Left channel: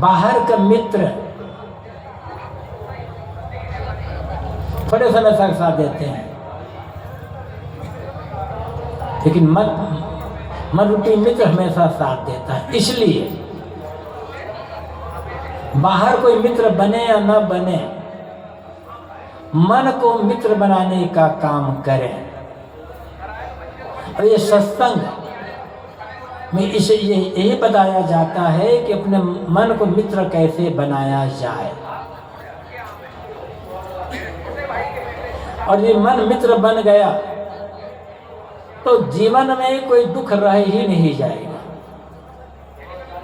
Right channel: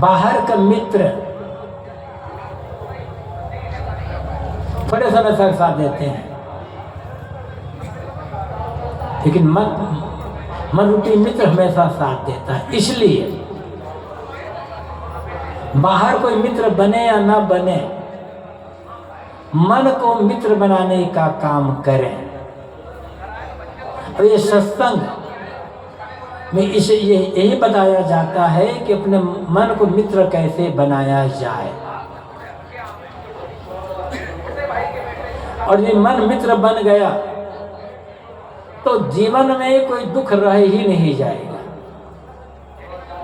बाहर का मित्र थोड़े समय तक साथ देते हैं, लेकिन मन रूपी मित्र हमेशा साथ देता है। इसलिए बाहर कोई मित्र बने या ना बने, मन को मित्र बनाने का काम करें। और ये सत्संग में इसे यही बताया जाता है कि अपने मन को मित्र कैसे बनाया जाए। और ये मन मित्र बन गया तो जीवन में कोई दुख रह ही नहीं जाएगा,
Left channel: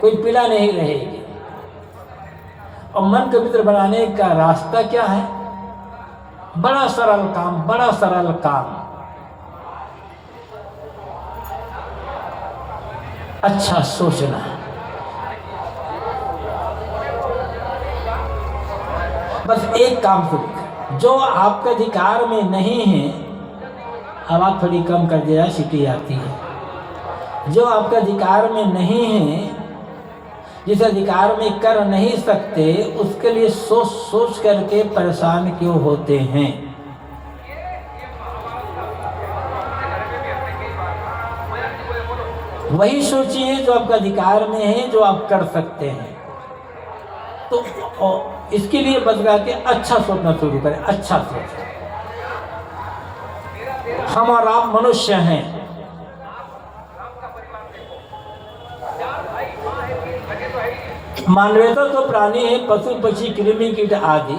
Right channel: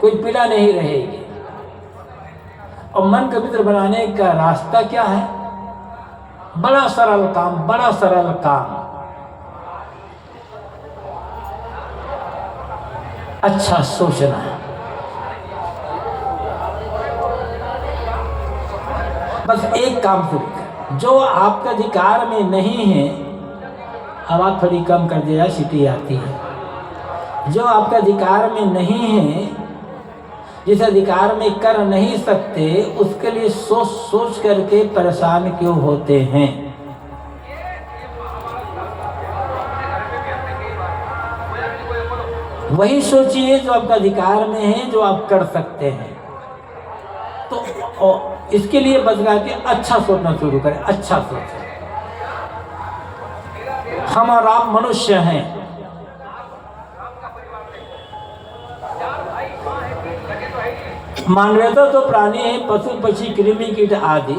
कोई पीड़ा नहीं रहेगी। और मन को मित्र बनाने का रास्ता क्या है? बड़ा सरल काम, बड़ा सरल काम। अच्छा सोचना। बस एक काम करो, जो आपका अधिकार में नहीं है, आवाज थोड़ी कम कर दिया, सीटी आती है। जो आपका अधिकार में नहीं है, जिस अधिकार में कर नहीं सकते, उसके लिए सोच सोच करके परेशान क्यों होते हैं? वही सोचिए जो आपका अधिकार में है, जो आप कर सकते हैं। तो इसके लिए बदला के अच्छा सोचना शुरू करें। अच्छा सोचें। हम और आप मनुष्य हैं, मानवता तो प्राणी है, पशु पक्षी कृमि कीट आदि।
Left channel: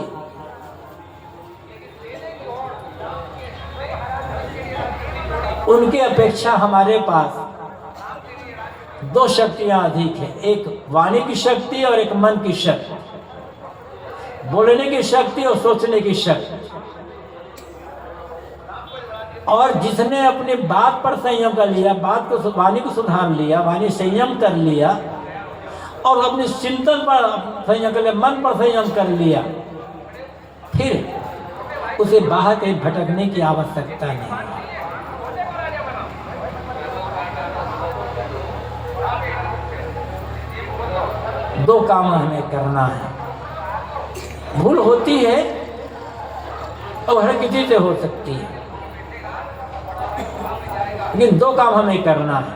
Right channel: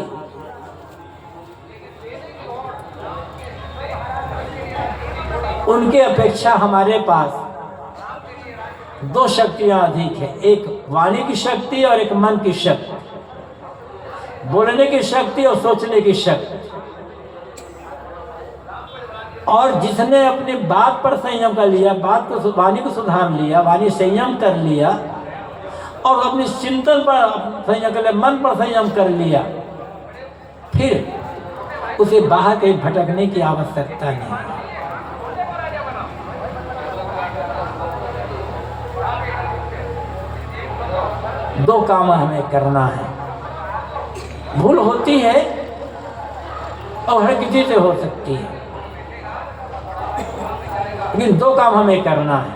उनके अपेक्षा हमारे पास दो शक्तियां अधिक है, एक वाणी की शक्ति और एक मन की शक्ति, बोलने की शक्ति और सोचने की शक्ति। और जिसने अपनी बात पर संयम कर लिया, बात को वाणी को सुधार लिया, वाणी संयम कर लिया, और अपने चिंतन पर संयम कर लिया, मन पर संयम कर लिया, फिर उसे बाहर कहीं भटकने की आवश्यकता नहीं। दो काम हमें करना है। भूल होती है और हर किसी से हो सकती है, लेकिन दो काम हमें करना है।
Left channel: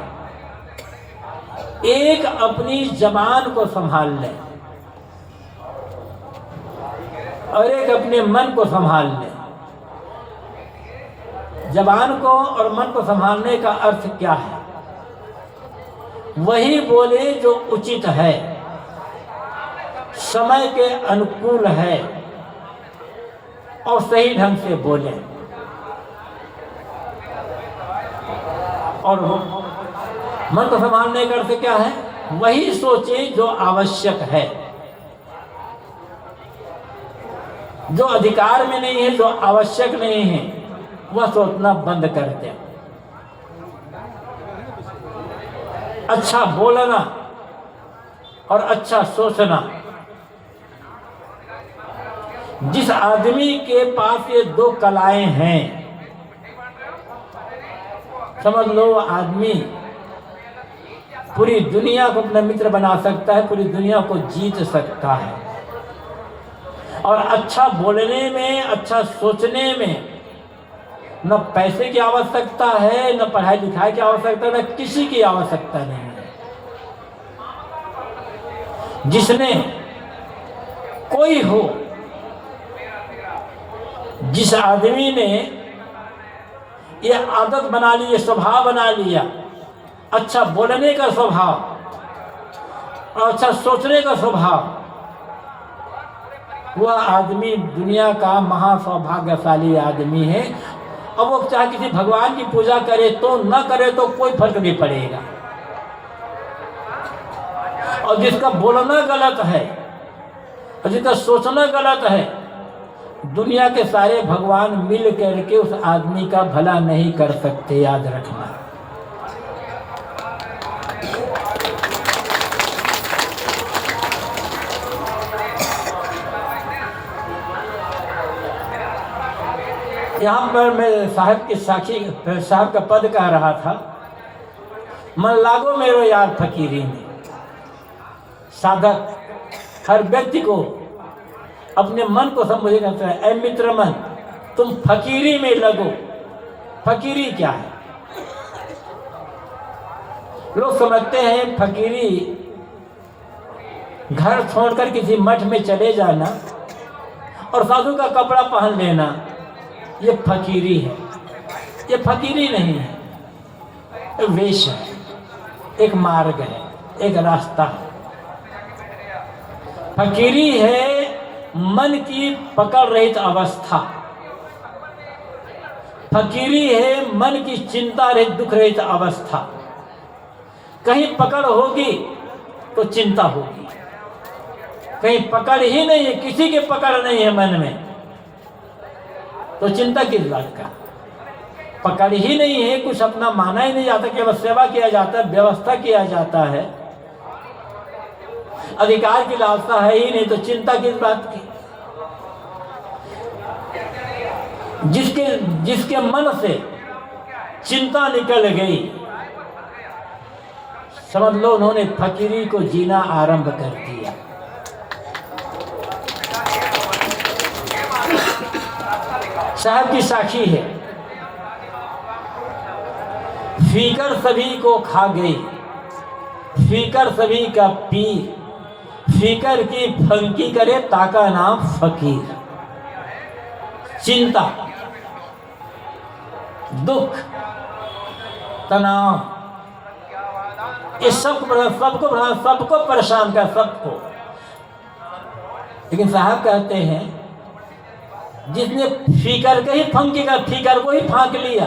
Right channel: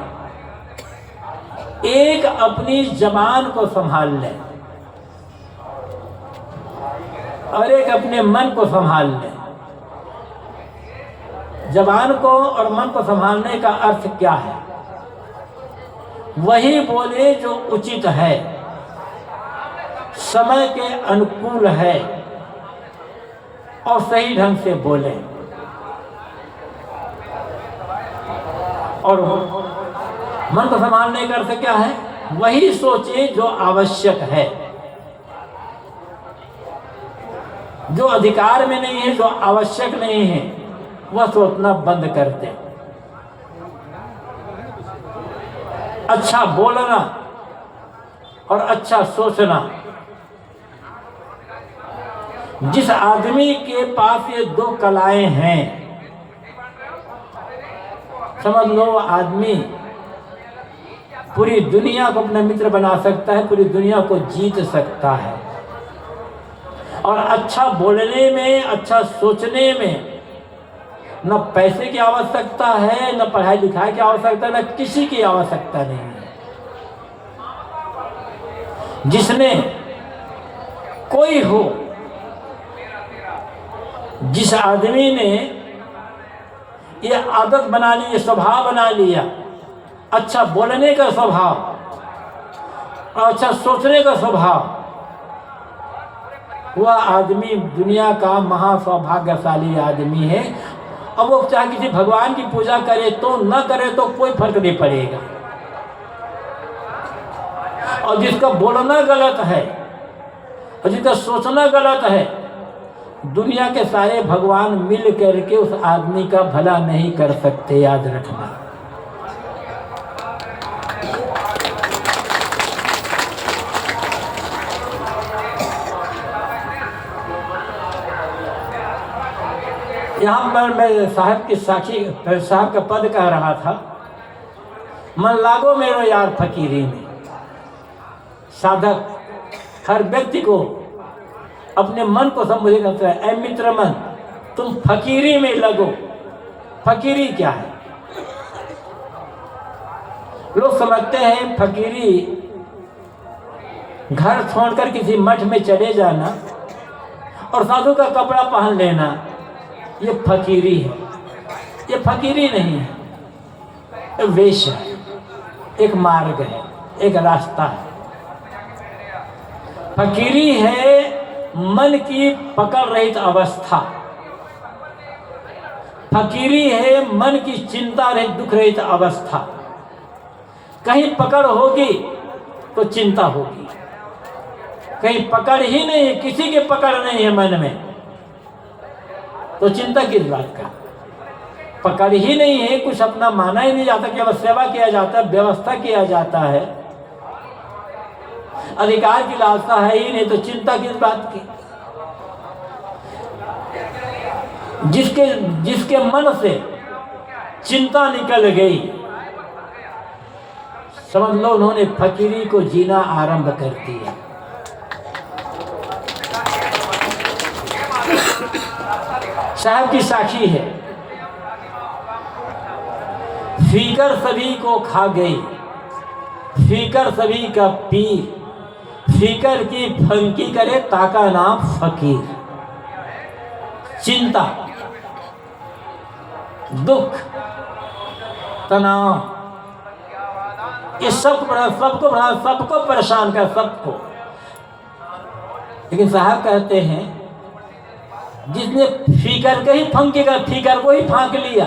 एक, अपनी जबान को संभाल ले, और एक अपने मन को संभाल ले। जबान को और मन को संभालने का अर्थ क्या है? वही बोले जो उचित है, समय के अनुकूल है, और सही ढंग से बोले। और मन को संभालने का अर्थ क्या है? वही सोचे जो आवश्यक है, जो अधिकार में नहीं है, जो आवश्यक नहीं है, वह सोचना बंद कर दे। अच्छा बोलना और अच्छा सोचना। जिस आदमी के पास ये दो कलाएं हैं, समझ लो आदमी पूरी दुनिया को अपना मित्र बना सकता है, पूरी दुनिया को जीत सकता है। और अच्छा बोलने में, अच्छा सोचने में न पैसे की आवश्यकता है, न पढ़ाई लिखाई की आवश्यकता है, न किसी की आवश्यकता नहीं है। जिसमें कोई हो, जिस आदमी ने ये आदत बना ली, ये स्वभाव बना लिया, अच्छा बोलने का स्वभाव और अच्छा सोचने का स्वभाव, वह आदमी दुनिया का महासौभाग्यशाली आदमी है। अब वो चाहे किसी भगवान की पूजा करे तो न करे तो कोई फर्क नहीं पड़ेगा। और जिसका बोलना गलत है और जिसका सोचना गलत है, दुनिया के सारे भगवान मिल करके उस आदमी का भला नहीं कर सकते, याद रखना। यहाँ पर मैं साहब की साखी साहब का पद कह रहा था, मन लागो मेरो यार फकीरी में। साधक हर व्यक्ति को अपने मन को संबोधित करता है, ऐ मित्र मन तुम फकीरी में लगो। फकीरी क्या है? लोग समझते हैं फकीरी घर छोड़कर किसी मठ में चले जाना और साधु का कपड़ा पहन लेना, ये फकीरी है। ये फकीरी नहीं है, एक वेश है, एक मार्ग है, एक रास्ता है। फकीरी है मन की पकड़ रहित अवस्था। फकीरी है मन की चिंता रहित दुख रहित अवस्था। कहीं पकड़ होगी तो चिंता होगी, कहीं पकड़ ही नहीं है, किसी के पकड़ नहीं है मन में, तो चिंता किस बात का? पकड़ ही नहीं है, कुछ अपना माना ही नहीं जाता, केवल सेवा किया जाता है, व्यवस्था किया जाता है, अधिकार की लालसा है ही नहीं, तो चिंता किस बात की? जिसके मन से चिंता निकल गई, समझ लो उन्होंने फकीरी को जीना आरंभ कर दिया। साहब की साखी है, फीकर सभी को खा गई, फीकर सभी का पी, फीकर की फंकी करे ताका नाम फकीर। चिंता, दुख, तनाव, ये सबको परेशान कर, सबको। लेकिन साहब कहते हैं जिसने फीकर के ही फंकी का, फीकर को ही फांक लिया,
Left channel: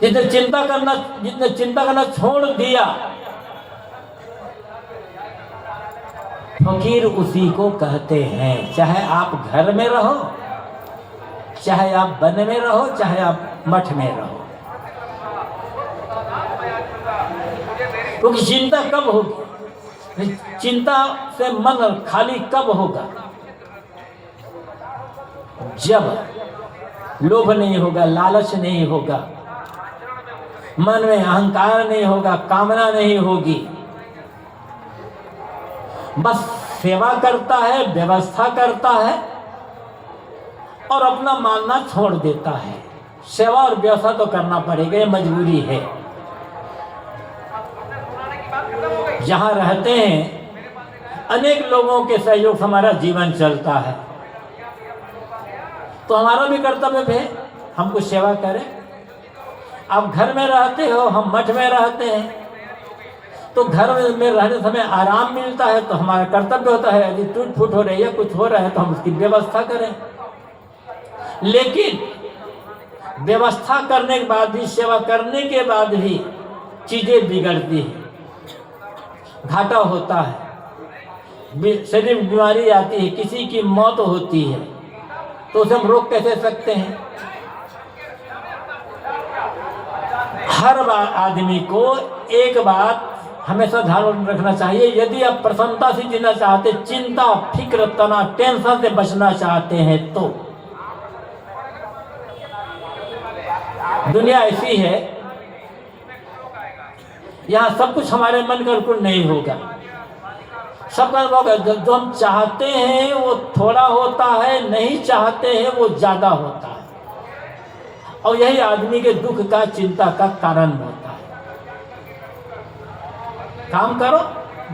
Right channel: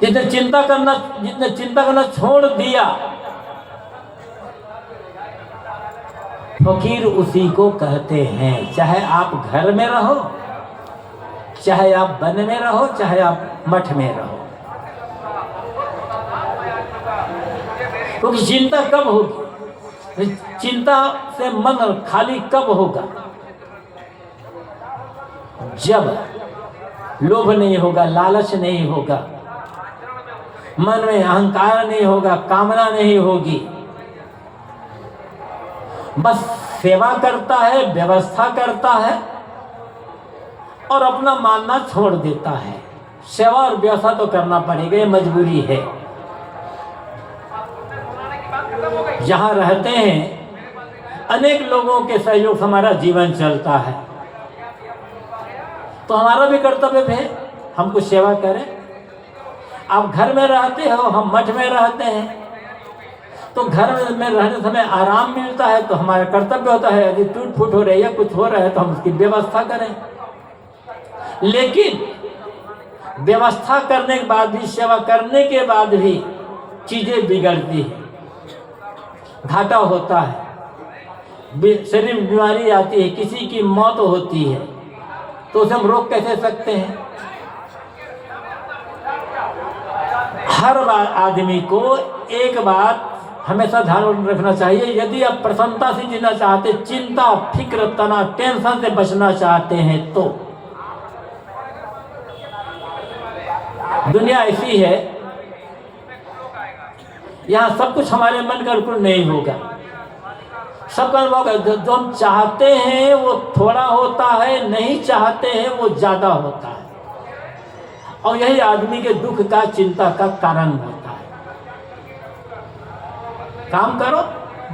जिसने चिंता करना छोड़ दिया, फकीर उसी को कहते हैं। चाहे आप घर में रहो, चाहे आप वन में रहो, चाहे आप मठ में रहो, क्योंकि चिंता कब होगी? चिंता से मन खाली कब होगा? जब लोभ नहीं होगा, लालच नहीं होगा, मन में अहंकार नहीं होगा, कामना नहीं होगी, बस सेवा करता है, व्यवस्था करता है और अपना मानना छोड़ देता है। सेवा और व्यवस्था तो करना पड़ेगा, ये मजबूरी है। जहाँ रहते हैं अनेक लोगों के सहयोग से हमारा जीवन चलता है, तो हमारा भी कर्तव्य है हम कुछ सेवा करें। आप घर में रहते हो, हम मठ में रहते हैं, तो घर में रहने समय आराम मिलता है, तो हमारा कर्तव्य होता है यदि टूट फूट हो रही है, कुछ हो रहा है, तो हम उसकी व्यवस्था करें। लेकिन व्यवस्था करने के बाद भी, सेवा करने के बाद भी चीजें बिगड़ती हैं, घाटा होता है, शरीर में बीमारी आती है, किसी की मौत होती है, तो उसे हम रोक कैसे सकते हैं? हर बार आदमी को एक बात हमेशा ध्यान रखना चाहिए, यदि आप प्रसन्नता से जीना चाहते, चिंता, फिक्र, तनाव, टेंशन से बचना चाहते हैं, तो दुनिया ऐसी है, यहाँ सब कुछ हमारे मन के अनुकूल नहीं होगा। सब होगा, जो हम चाहते हैं वो थोड़ा होता है, नहीं चाहते हैं वो ज्यादा होता है, और यही आदमी के दुख का, चिंता का कारण होता है। काम करो,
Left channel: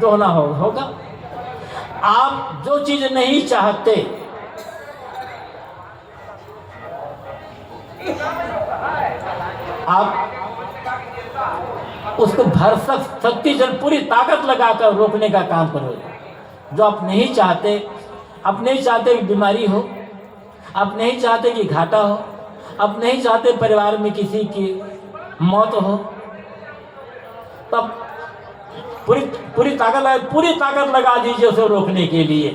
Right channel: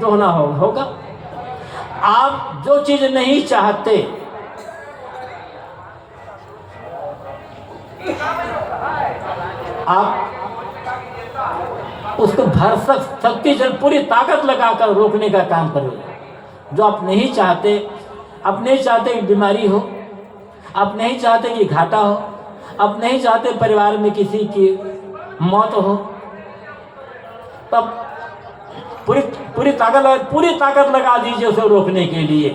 जो होना होगा। आप जो चीज नहीं चाहते, आप उसको भरसक शक्ति से पूरी ताकत लगाकर रोकने का काम करोगे। जो आप नहीं चाहते, आप नहीं चाहते कि बीमारी हो, आप नहीं चाहते कि घाटा हो, आप नहीं चाहते परिवार में किसी की मौत हो, तब पूरी ताकत लगा दीजिए उसे रोकने के लिए।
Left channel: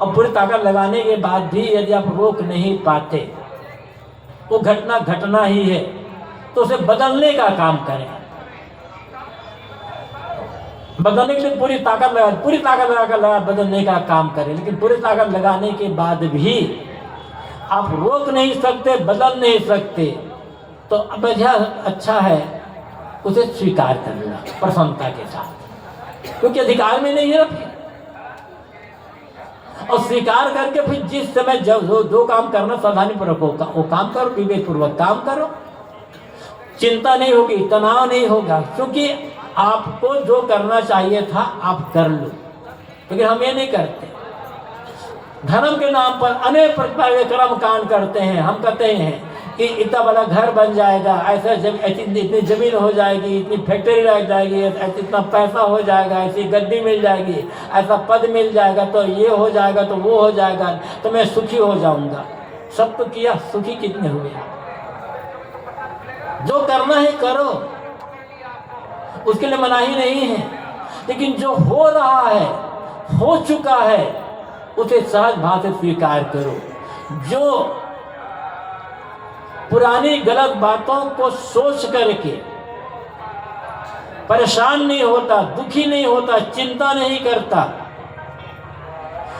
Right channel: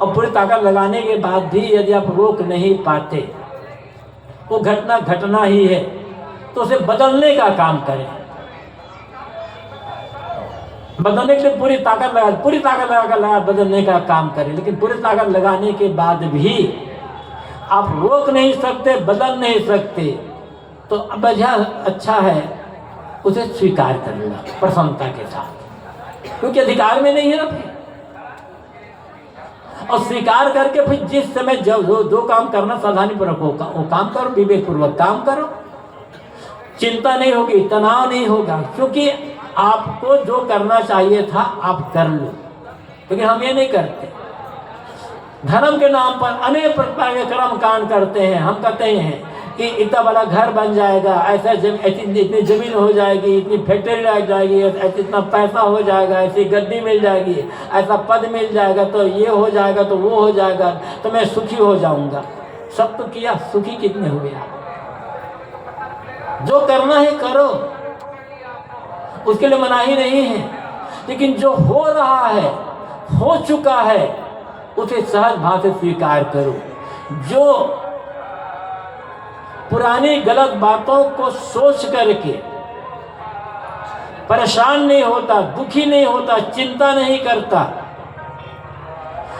और पूरी ताकत लगाने के बाद भी यदि आप रोक नहीं पाते, वो घटना ही है, तो उसे बदलने का काम करें। बदलने के लिए पूरी ताकत लगा बदलने का काम करें। लेकिन पूरी ताकत लगाने के बाद भी आप रोक नहीं सकते, बदल नहीं सकते, तो वजह अच्छा है उसे स्वीकार कर लेना प्रसन्नता के साथ, क्योंकि अधिकार में नहीं है ना फिर। और स्वीकार करके फिर जिस समय जब दो काम करना सावधानी पूर्वक वो काम करो, विवेक पूर्वक काम करो, चिंता नहीं होगी, तनाव नहीं होगा, क्योंकि आपको जो करना चाहिए था आप कर लो। लेकिन हम ये नहीं करते, धर्म के नाम पर अनेक प्रकार के कर्म कांड करते हैं। हम कहते हैं कि इतना बड़ा घर बन जाएगा, ऐसा इतनी जमीन हो जाएगी, इतनी फैक्ट्री लग जाएगी, इतना पैसा हो जाएगा, ऐसी गद्दी मिल जाएगी, ऐसा पद मिल जाएगा, तो ये हो जाएगा, तो वो हो जाएगा, तो मैं सुखी हो जाऊंगा। सब तो किया, सुखी कितने हुए आप? जो करना है करो, उसके लिए मनाही नहीं है, लेकिन जो हो रहा है, हो चुका है, उसे सहज भाव से स्वीकार करो। जो पुरानी गलत बातों को सोच करके परेशान नहीं होता, दुखी नहीं होता, चिंता नहीं करता,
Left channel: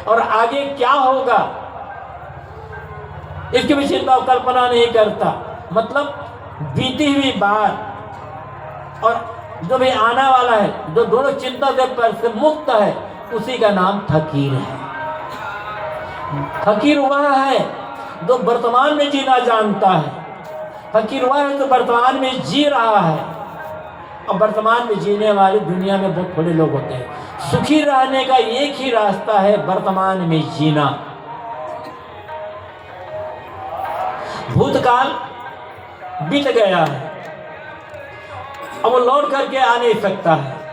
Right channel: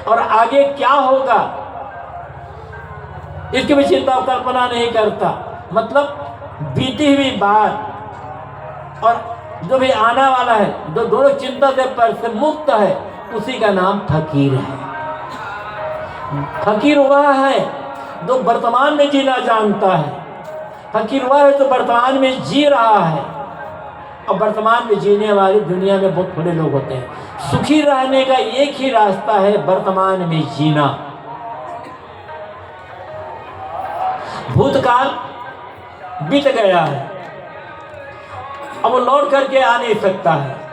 और आगे क्या होगा इसकी भी चिंता और कल्पना नहीं करता, मतलब बीती हुई बात और जो भी आने वाला है, जो दोनों चिंता से मुक्त है, उसी का नाम फकीर है। फकीर वह है जो वर्तमान में जीना जानता है। फकीर वह है जो वर्तमान में जी रहा है, और वर्तमान में जीने वाली दुनिया में बहुत थोड़े लोग होते हैं। सुखी रहने का एक ही रास्ता है, वर्तमान में जीना। भूतकाल बीत गया है, अब वो लौट करके आ नहीं सकता है,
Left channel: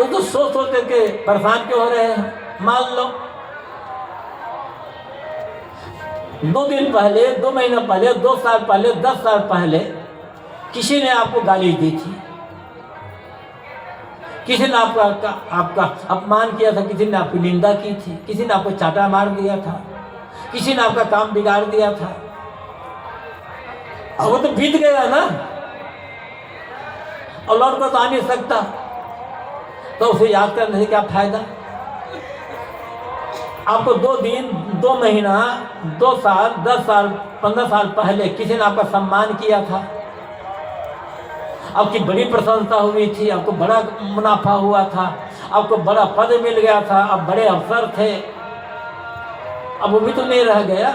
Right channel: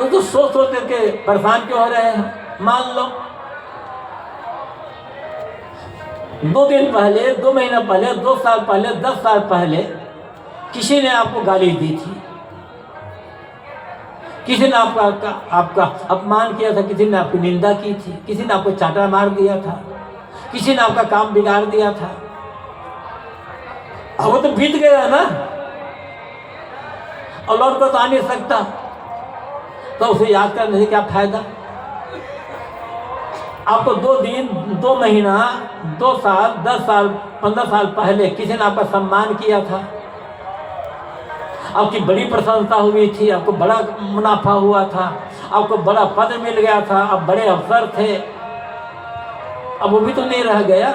तो सोच करके परेशान क्यों हो रहे हैं? मान लो 2 दिन पहले, 2 महीना पहले, 2 साल पहले, 10 साल पहले किसी ने आपको गाली दी थी, किसी ने आपका अपमान किया था, किसी ने आपकी निंदा की थी, किसी ने आपको चाटा मार दिया था, किसी ने आपका काम बिगाड़ दिया था। अब वो तो बीत गया ना, और लौट कर तो आ नहीं सकता, तो उसे याद करने से क्या फायदा? आपको 2 दिन, 2 महीना, 2 साल, 10 साल, 15 साल पहले किसी ने आपका सम्मान किया था, आपकी बड़ी प्रशंसा हुई थी, आपको बड़ा मुनाफा हुआ था, आपको बड़ा पद मिल गया था, अब बड़े अवसर थे, अब वो भी तो नहीं रह गया,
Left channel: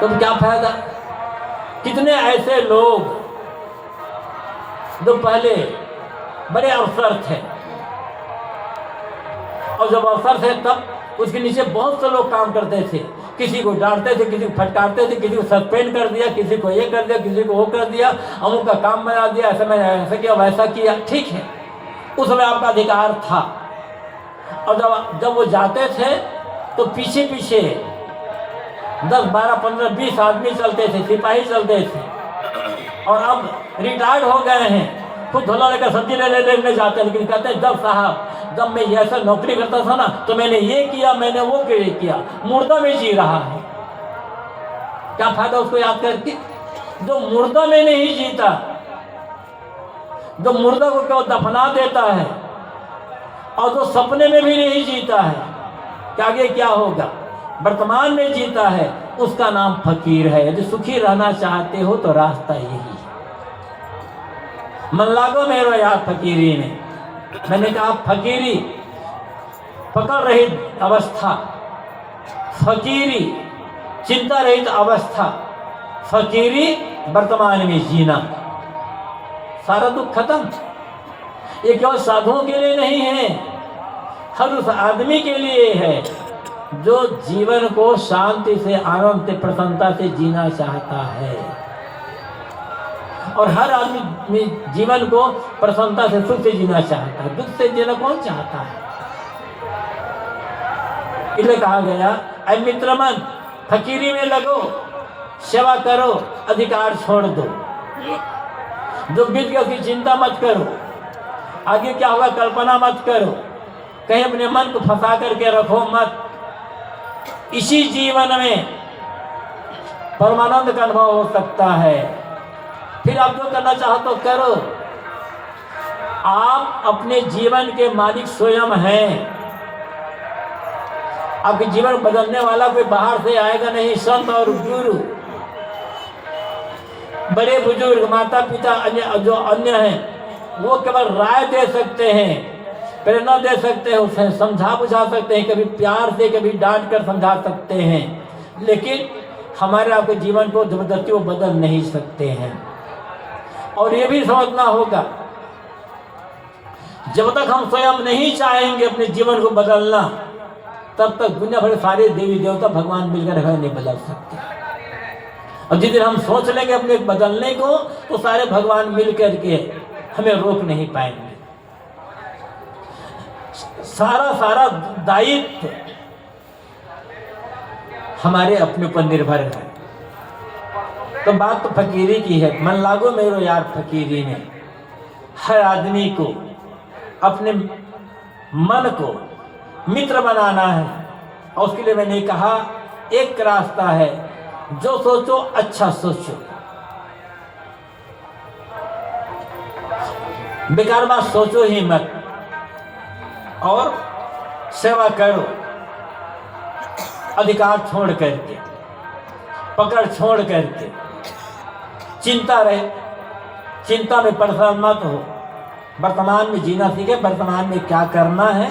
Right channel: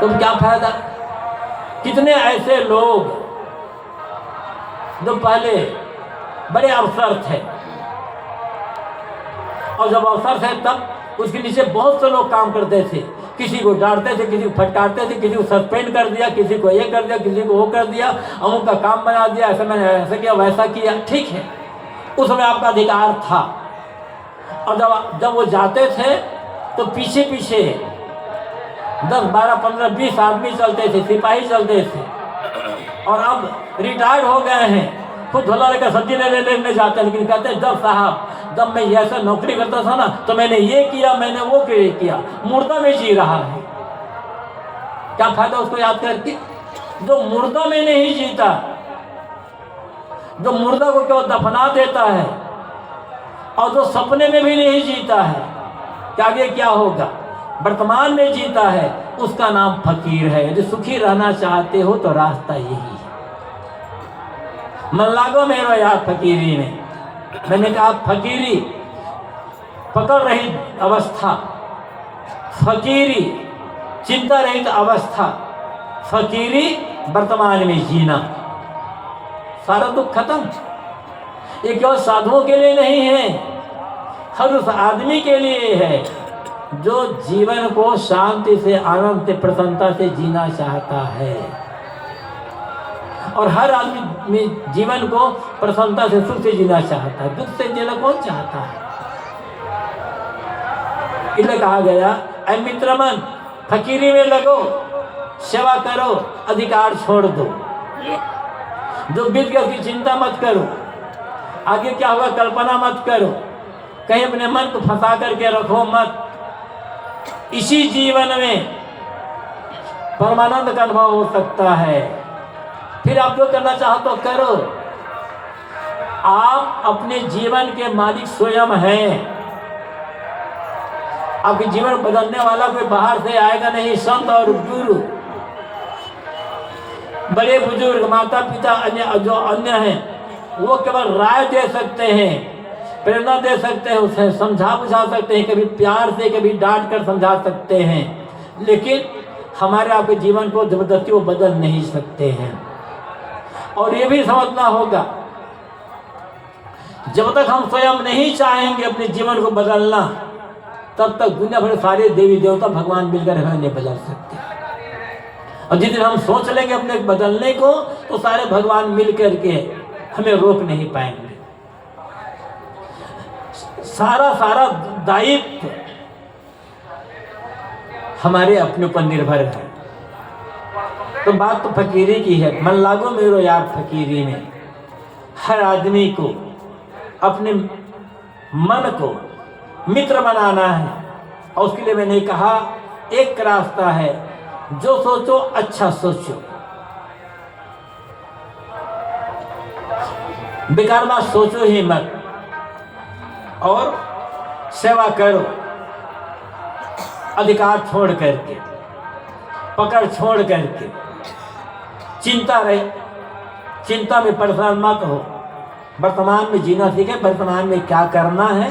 तो क्या फायदा? कितने ऐसे लोग जो पहले बड़े अवसर थे, और जब अवसर थे तब उसके नीचे बहुत से लोग काम करते थे, किसी को डांटते थे, किसी को फटकारते थे, किसी को सस्पेंड कर दिया, किसी को ये कर दिया, किसी को वो कर दिया, अमुक का काम बना दिया, ऐसा मैंने ऐसा किया, वैसा किया। ठीक है, उस समय आपका अधिकार था। और जब वो जाते थे तो पीछे पीछे 10, 12, 15, 20 आदमी चलते थे, सिपाही चलते थे, और अब रिटायर्ड हो गए हैं, खुद झोला लेकर सब्जी लेने जाते हैं, लेकिन कहते हैं जब साहब, जब मैं ऐसा नौकरी करता था ना, तो मैंने ये किया, मैंने वो किया। मुर्दा में जी रहा है, क्या फायदा उसको याद करके? जो मुर्दा में नहीं जीता, जो मुर्दा को क्यों दफना देता है, और जो सपने में भी नहीं जीता है, क्या आगे क्या होगा? वर्तमान में जीता है, उसका नाम फकीर है। यदि सुखी रहना चाहते हो तो रास्ता यही है। मन लागो मेरा याद फकीरी में, मैंने कहा फकीरी पकड़ रहित अवस्था, फकीरी चिंता रहित अवस्था, फकीरी वर्तमान में जीना, सारा दुख खत्म। ये केवल साधुओं के लिए नहीं है, हर उस आदमी के लिए है जो जीवन को शांति से, आनंद से, प्रसन्नता से जीना चाहता है। और हर आदमी जीवन को प्रसन्नता से, सुख से जीना चाहता है, दुख से जीना कौन चाहता है? इसलिए कहा गया, ऐ मित्र मन, फकीरी में लगो, सेवा करो, अधिकार छोड़ दो, जो बीत गया उसकी चिंता मत करो, आगे क्या होगा कल्पना मत करो, कहीं अपने मन को फंसा करके रखो मत। इसी जीवन में परमानंद का अनुभव हो सकता है। फिर आप जो करना चाहो तो करो, आप अपने जीवन के मालिक स्वयं हैं। आपके जीवन बदलने वाला कोई बाहर से आएगा नहीं, संत और गुरु। बड़े बुजुर्ग माता पिता अन्य जो अन्य हैं वो केवल राय दे सकते हैं, प्रेरणा दे सकते हैं, उसे समझा बुझा सकते हैं, कभी प्यार से कभी डांट कर समझा सकते हैं, लेकिन हमारे आपके जीवन को जबरदस्ती वो बदल नहीं सकते हैं। और ये भी समझना होगा जब तक हम स्वयं नहीं चाहेंगे अपने जीवन को बदलना, तब तक दुनिया भर सारे देवी देवता भगवान मिलकर हमें नहीं बदल सकते। और जिस दिन हम सोच लेंगे अपने बदलने को, तो सारे भगवान मिल करके हमें रोक नहीं पाएंगे। सारा दायित्व हमारे अपने ऊपर निर्भर है। तो बात तो फकीरी की है, मन लागो मेरो यार फकीरी में। हर आदमी को अपने मन को मित्र बनाना है, और उसके लिए मैंने कहा एक रास्ता है, जो सोचो अच्छा सोचो, बेकार बात सोचो ही मत, और सेवा करो अधिकार छोड़ करके, पकड़ छोड़ करके। चिंता रहे, चिंता में परेशान मत हो, वर्तमान में जीना सीखे, वर्तमान में क्या करना है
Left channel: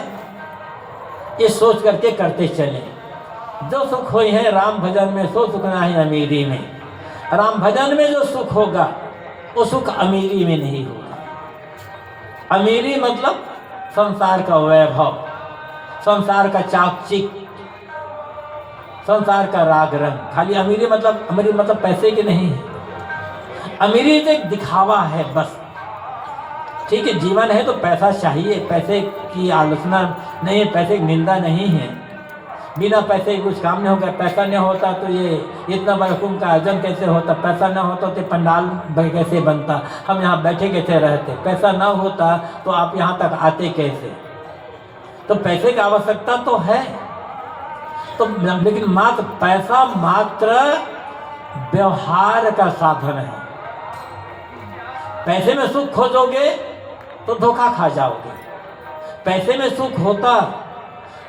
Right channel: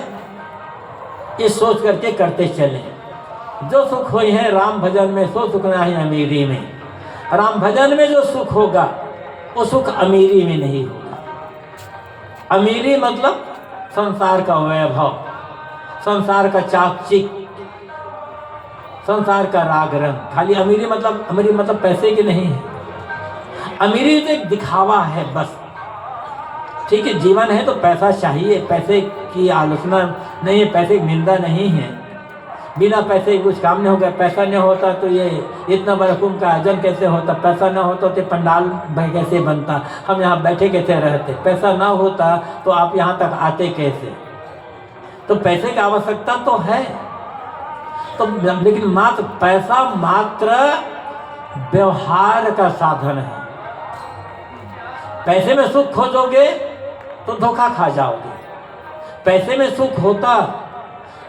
ये सोच करके करते चलें। जो सुख हुई है राम भजन में, सो सुख नहीं अमीरी में। राम भजन में जो सुख होगा वो सुख अमीरी में नहीं होगा। अमीरी मतलब संसार का वैभव, संसार का चाकचिक, संसार का राग रंग। खाली अमीरी मतलब पैसे की नहीं है। अमीरी तो एक दिखावा है बस। ठीक है, जीवन है तो पैसा चाहिए, पैसे की आलोचना नहीं है, पैसे की निंदा नहीं है। बिना पैसे कुछ काम नहीं होगा। पैसा नहीं होता तो ये इतना बड़ा कुंभ का आयोजन कैसे होता, पैसा न होता तो पंडाल कैसे बनता, हम यहाँ बैठे कैसे रहते, पैसा ना होता तो आप यहाँ तक आते कैसे। तो पैसे की आवश्यकता तो है, तो लेकिन मात्र पैसा मात्र व्यवहार का साधन है। पैसे में सुख खोजोगे तो धोखा खा जाओगे। पैसे में सुख होता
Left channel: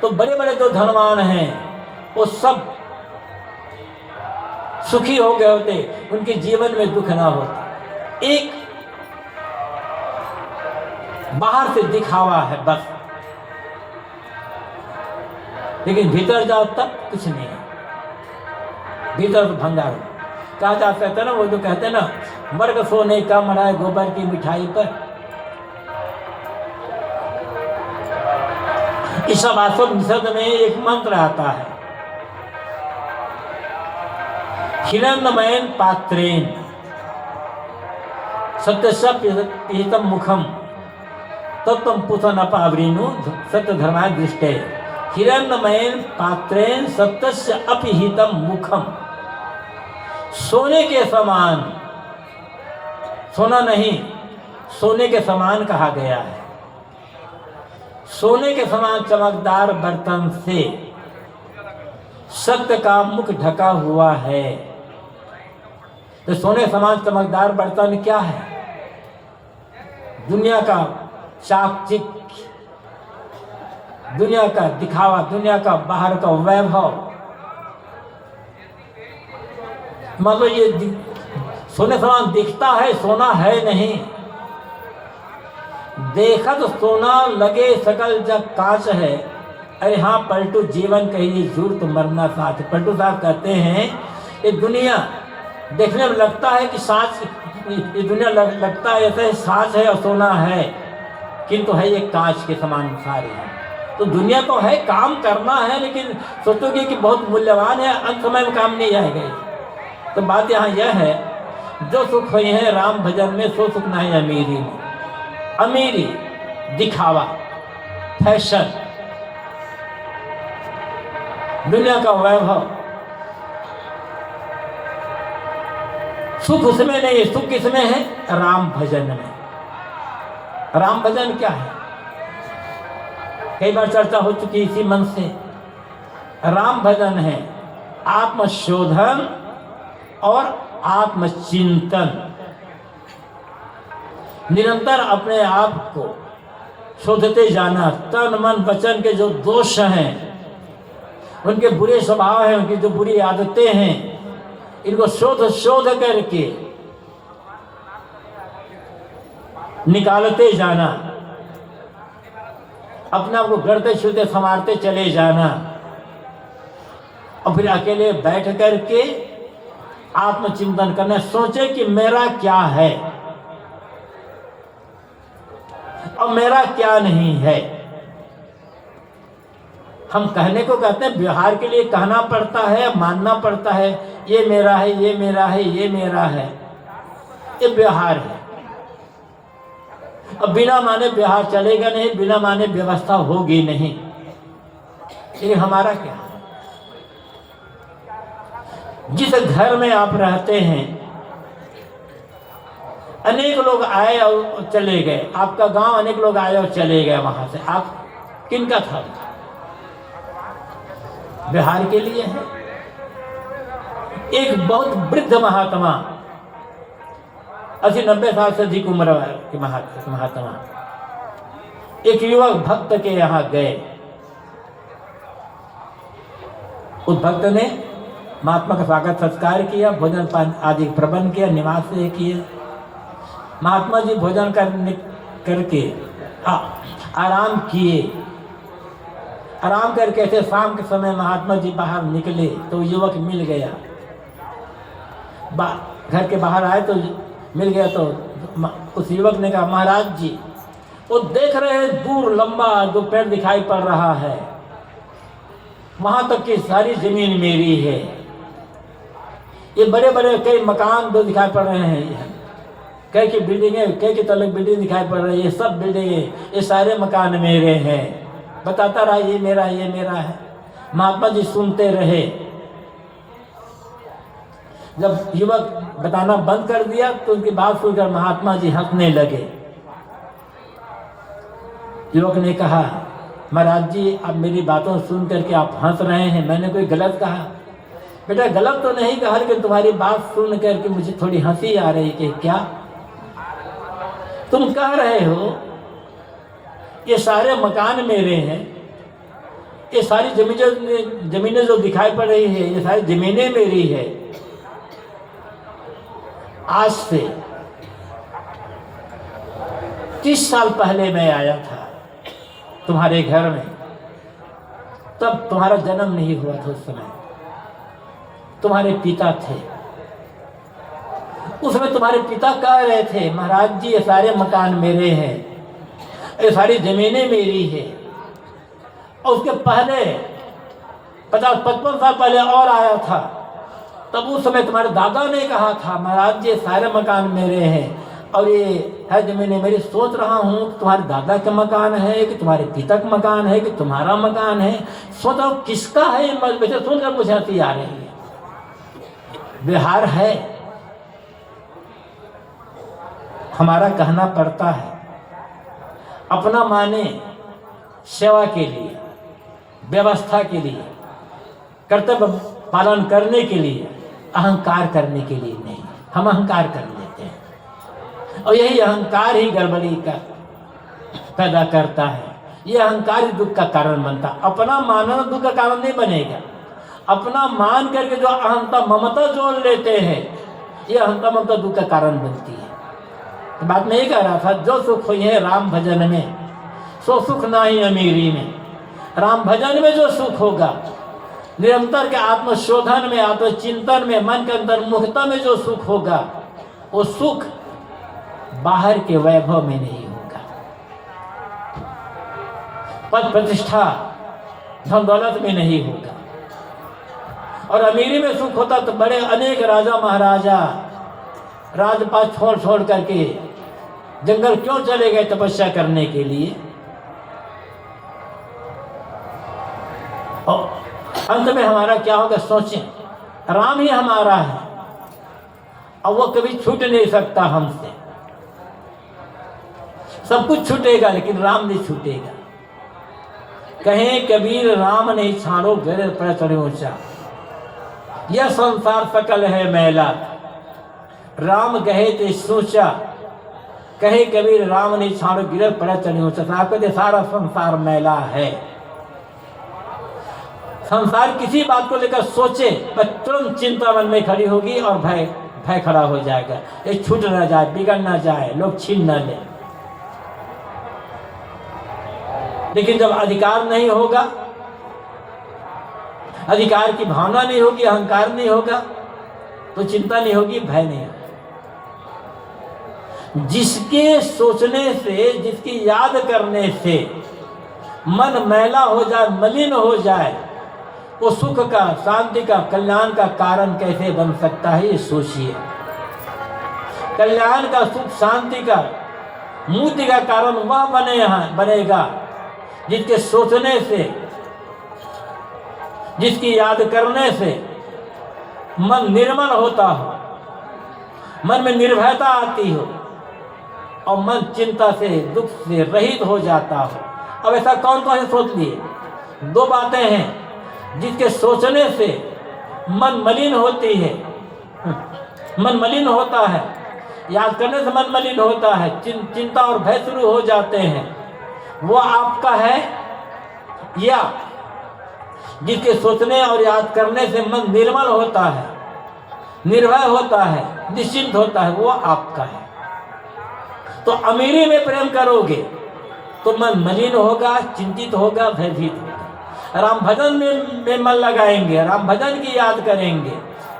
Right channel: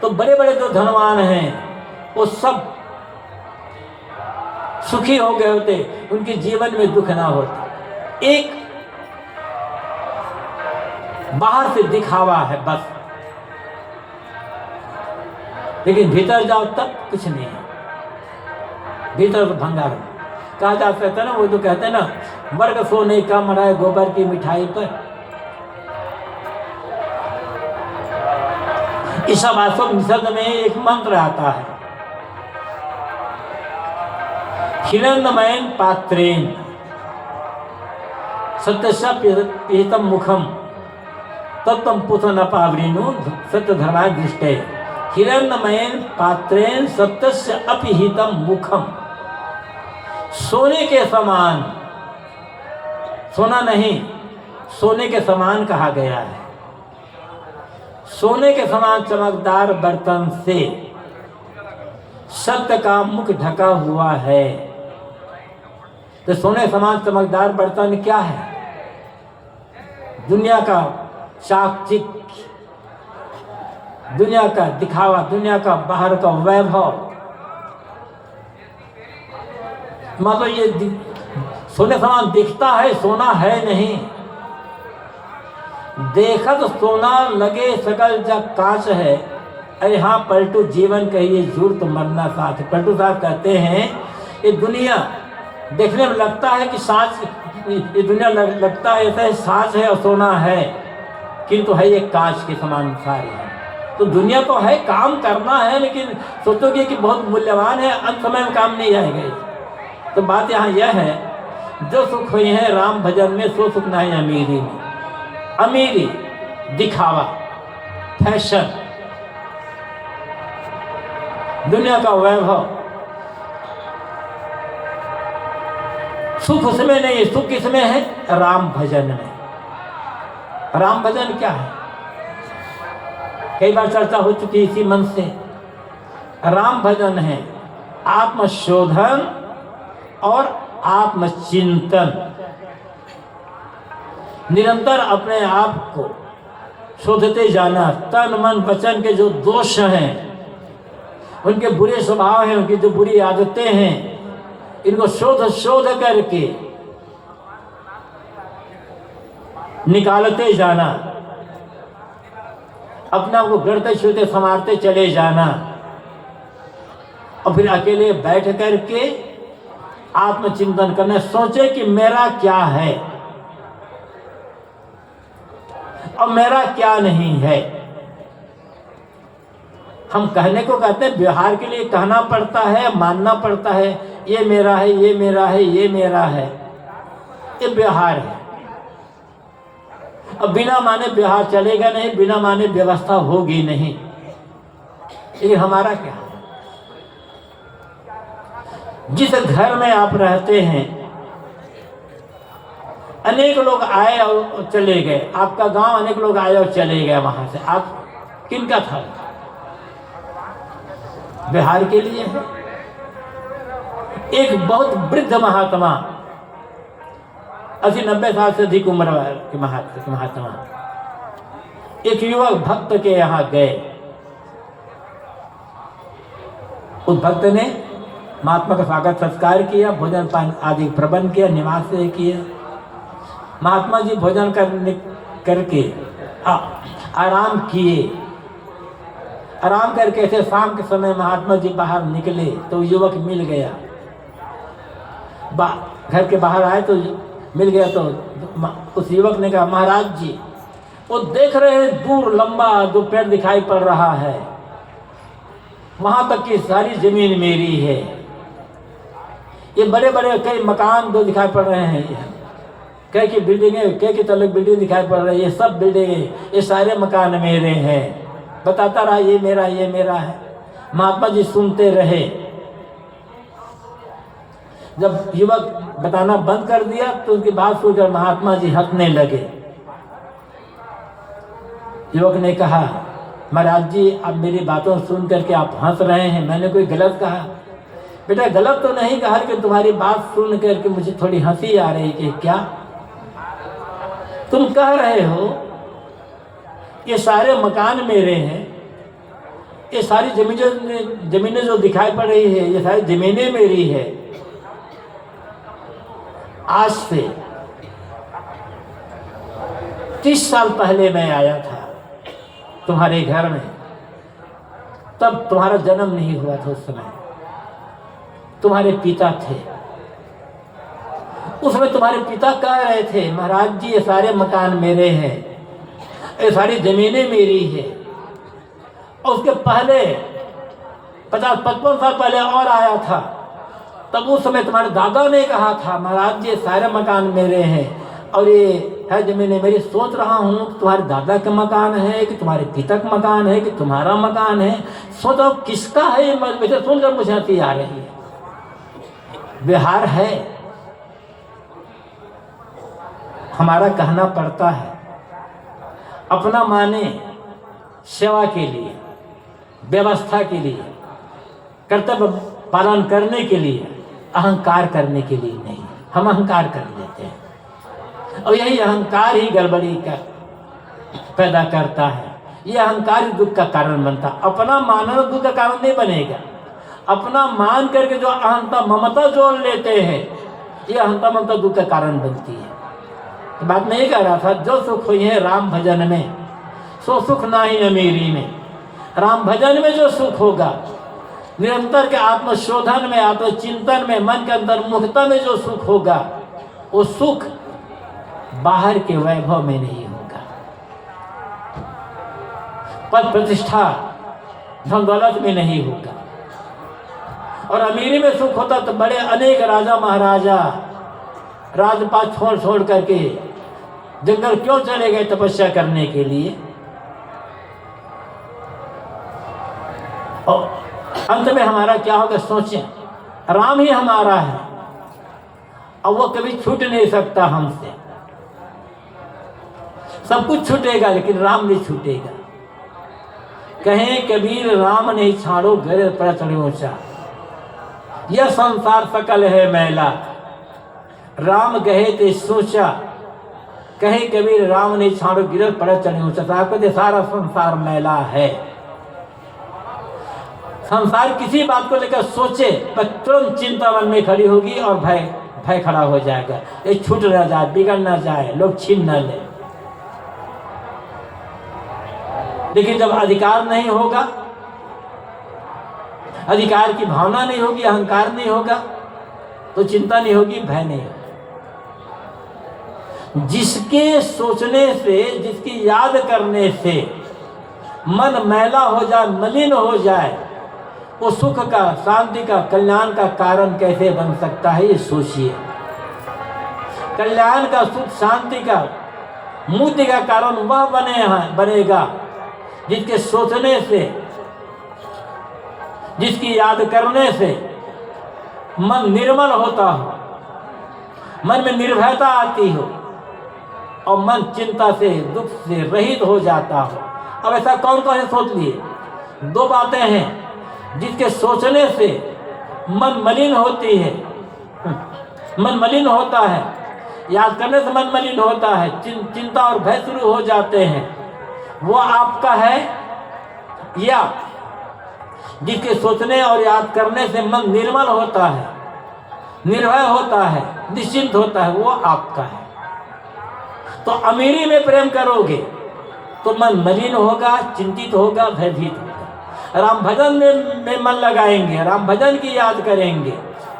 तो बड़े बड़े जो धनवान हैं वो सब सुखी हो गए होते, उनके जीवन में दुख ना होता। एक बाहर से दिखावा है बस, लेकिन भीतर जाओ तब कुछ नहीं है। भीतर तो भंडार कहा जा कहते हैं ना, वो जो कहते हैं ना, वर्ग सोने का मराए गोबर की मिठाई पर। ईशावास्योपनिषद में एक मंत्र आता है, हिरण्मयेन पात्रेण सत्यशम मुखम तत्व पुथनपावृणु सत्य धर्माय दृष्टे। हिरण्मयेन पात्रेण सत्यस्य अपिहितम मुखम। सोने के समान, सोना नहीं, सोने के समान कहा गया है। सोने के समान चमकदार बर्तन से सत्य का मुख ढका हुआ है। तो सोने समान चमकदार बर्तन क्या है? दुनिया का चाकचिक, दुनिया का दिखावा, दुनिया का बाहर का वैभव। मतलब ये सोने समान दिखता है, सोना है नहीं। देखत सोना लगे सकल जग कांच है, अरे हाँ पलटू जीवन कहिए जूर्त मरना साथ। पलटू साहब कहते हैं ये दुनिया देखने में लगता है कि सांच, ये दुनिया लगता है ऐसा ही सांच है और सोना है, किंतु है ये कांच के समान सारे हैं। तो दुनिया तो है, काम करना है, लेकिन सोचोगे कि बहुत मूल्यवान है, अंत समय में काम नहीं आएगा। तो बात यहाँ यह है, जो सुख हुई है राम भजन में, सो सुख नहीं अमीरी में। अमीरी दिखावा, फैशन, दुनिया का वैभव, सुख उसमें नहीं, सुख किसमें है? राम भजन में। राम भजन क्या है? कई बार चर्चा हो चुकी है इसी मन से। राम भजन है आत्मशोधन और आत्मचिंतन। निरंतर अपने आप को शोधते जाना, तन मन वचन के जो दोष हैं, उनके बुरे स्वभाव हैं, उनकी जो बुरी आदतें हैं, इनको शोध करके निकालते जाना, अपने आप को गढ़ते छूते संवारते चले जाना, और फिर अकेले बैठ करके आत्मचिंतन करना, सोचे कि मेरा क्या है और मेरा क्या नहीं है। हम कहने को कहते हैं, व्यवहार के लिए कहना पड़ता है, मानना पड़ता है, ये मेरा है, ये मेरा है, ये मेरा है, ये व्यवहार है। अब बिना माने व्यवहार चलेगा नहीं, बिना माने व्यवस्था होगी नहीं। ये हमारा क्या है? जिस घर में आप रहते हैं, अनेक लोग आए और चले गए, आपका गांव अनेक लोग आए और चले गए, वहां से आप किनका था? व्यवहार के लिए है। एक बहुत वृद्ध महात्मा, 80-90 साल से अधिक उम्र के महात्मा, एक युवक भक्त के यहाँ गए। उस भक्त ने महात्मा का स्वागत सत्कार किया, भोजन पान आदि प्रबंध किया, निवास किया। महात्मा जी भोजन करके आराम किए। आराम करके ऐसे शाम के समय महात्मा जी बाहर निकले तो युवक मिल गया। घर के बाहर आए तो मिल गया, तो उस युवक ने कहा, महाराज जी, वो देख रहे हैं दूर लंबा जो पेड़ दिखाई पड़ रहा है, वहां तक की सारी जमीन मेरी है। ये बड़े बड़े कई मकान जो दिखाई पड़ रहे हैं, कई की बिल्डिंगें, कई की तलक बिल्डिंग दिखाई पड़ रही है, ये सब बिल्डिंगें, ये सारे मकान मेरे हैं। बताता रहा, ये मेरा, ये मेरा है। महात्मा जी सुनते रहे। जब युवक बताना बंद कर दिया तो उनकी बात सुनकर महात्मा जी हंसने लगे। युवक ने कहा, महाराज जी, आप मेरी बातों सुन करके आप हंस रहे हैं, मैंने कोई गलत कहा? बेटा, गलत तो नहीं कहा, कि तुम्हारी बात सुन करके मुझे थोड़ी हंसी आ रही कि क्या तुम कह रहे हो ये सारे मकान मेरे हैं, ये सारी जमीनें जो दिखाई पड़ रही है, ये सारी जमीनें मेरी है। आज से 30 साल पहले मैं आया था तुम्हारे घर में, तब तुम्हारा जन्म नहीं हुआ था। उस समय तुम्हारे पिता थे। उसमें तुम्हारे पिता कह रहे थे, महाराज जी, ये सारे मकान मेरे हैं, ये सारी जमीनें मेरी है। और उसके पहले 50-55 साल पहले और आया था, तब उस समय तुम्हारे दादा ने कहा था, महाराज जी, ये सारे मकान मेरे हैं और ये है जमीनें मेरी। सोच रहा हूँ तुम्हारे दादा का मकान है कि तुम्हारे पिता का मकान है कि तुम्हारा मकान है। सोच रहा हूँ किसका है। मुझे सुनकर मुझे हंसी आ रही है। व्यवहार है, हमारा कहना पड़ता है। अपना माने सेवा के लिए, व्यवस्था के लिए, कर्तव्य पालन करने के लिए, अहंकार करने के लिए नहीं। हम अहंकार कर लेते हैं और यही अहंकार ही गड़बड़ी का पैदा करता है। ये अहंकार ही दुख का कारण बनता है। अपना मानना दुख का कारण नहीं बनेगा। अपना मान करके जो अहंता ममता जोड़ लेते हैं, ये अहंता ममता दुख का कारण बनती है। तो बात मैं ये कह रहा था, जो सुख हुई है राम भजन में, सो सुख ना ही अमीरी में। राम भजन में जो सुख होगा, निरंतर के आत्मशोधन में, आत्मचिंतन में, मन के अंदर मुक्ता में जो सुख होगा, वो सुख बाहर के वैभव में नहीं होगा। पद प्रतिष्ठा धन दौलत में नहीं होगा। और अमीरी में सुख होता तो बड़े अनेक राजा महाराजा राजपाट छोड़ छोड़ करके जंगल क्यों चले गए तपस्या करने के लिए। और अंत में हमारा क्या होगा, सोचें। राम ही हमारा है और वो कभी छूट नहीं सकता हमसे। सब कुछ छूटेगा लेकिन राम नहीं छूटेगा। कहें कबीर राम नहीं छाड़ो घर पर चढ़े ऊंचा, यह संसार सकल है मैला। राम कहे ते सोचा, कहे कबीर राम नहीं छाड़ो गिरल पर चढ़े ऊंचा। आपको दे सारा संसार मैला है। संसार किसी बात को लेकर सोचे पर तुरंत चिंता मन में खड़ी होगी और भय खड़ा हो जाएगा। ये छूट न जाए, बिगड़ न जाए, लोग छीन न ले। लेकिन जब अधिकार नहीं होगा, अधिकार की भावना नहीं होगी, अहंकार नहीं होगा, तो चिंता नहीं होगी, भय नहीं होगा। जिसके सोचने से, जिसकी याद करने से मन मैला हो जाए, मलिन हो जाए, वो सुख का, शांति का, कल्याण का कारण कैसे बन सकता है, ये सोचिए। कल्याण का, सुख शांति का, मुक्ति का कारण वह बनेगा जिसके सोचने से, जिसकी याद करने से मन निर्मल होता हो, मन में निर्भयता आती हो और मन चिंता से, दुख से रहित हो जाता हो। अब ऐसा कौन कौन है सोच लिए? दो बातें हैं। जिसके सोचने से मन मलिन होती है, मन मलिन होता है, याद करने से मन मलिन होता है, चिंता और भय शुरू हो जाते हैं, वो आपका है। या जिसके सोचने और याद करने से मन निर्मल होता है, निर्भय होता है, निश्चिंत होता है, वो आपका है। तो अमीरी में प्रेम करोगे तो मन मलिन होगा, चिंतित होगा, भयभीत होगा। राम भजन में मन लगाएंगे, राम भजन की याद करेंगे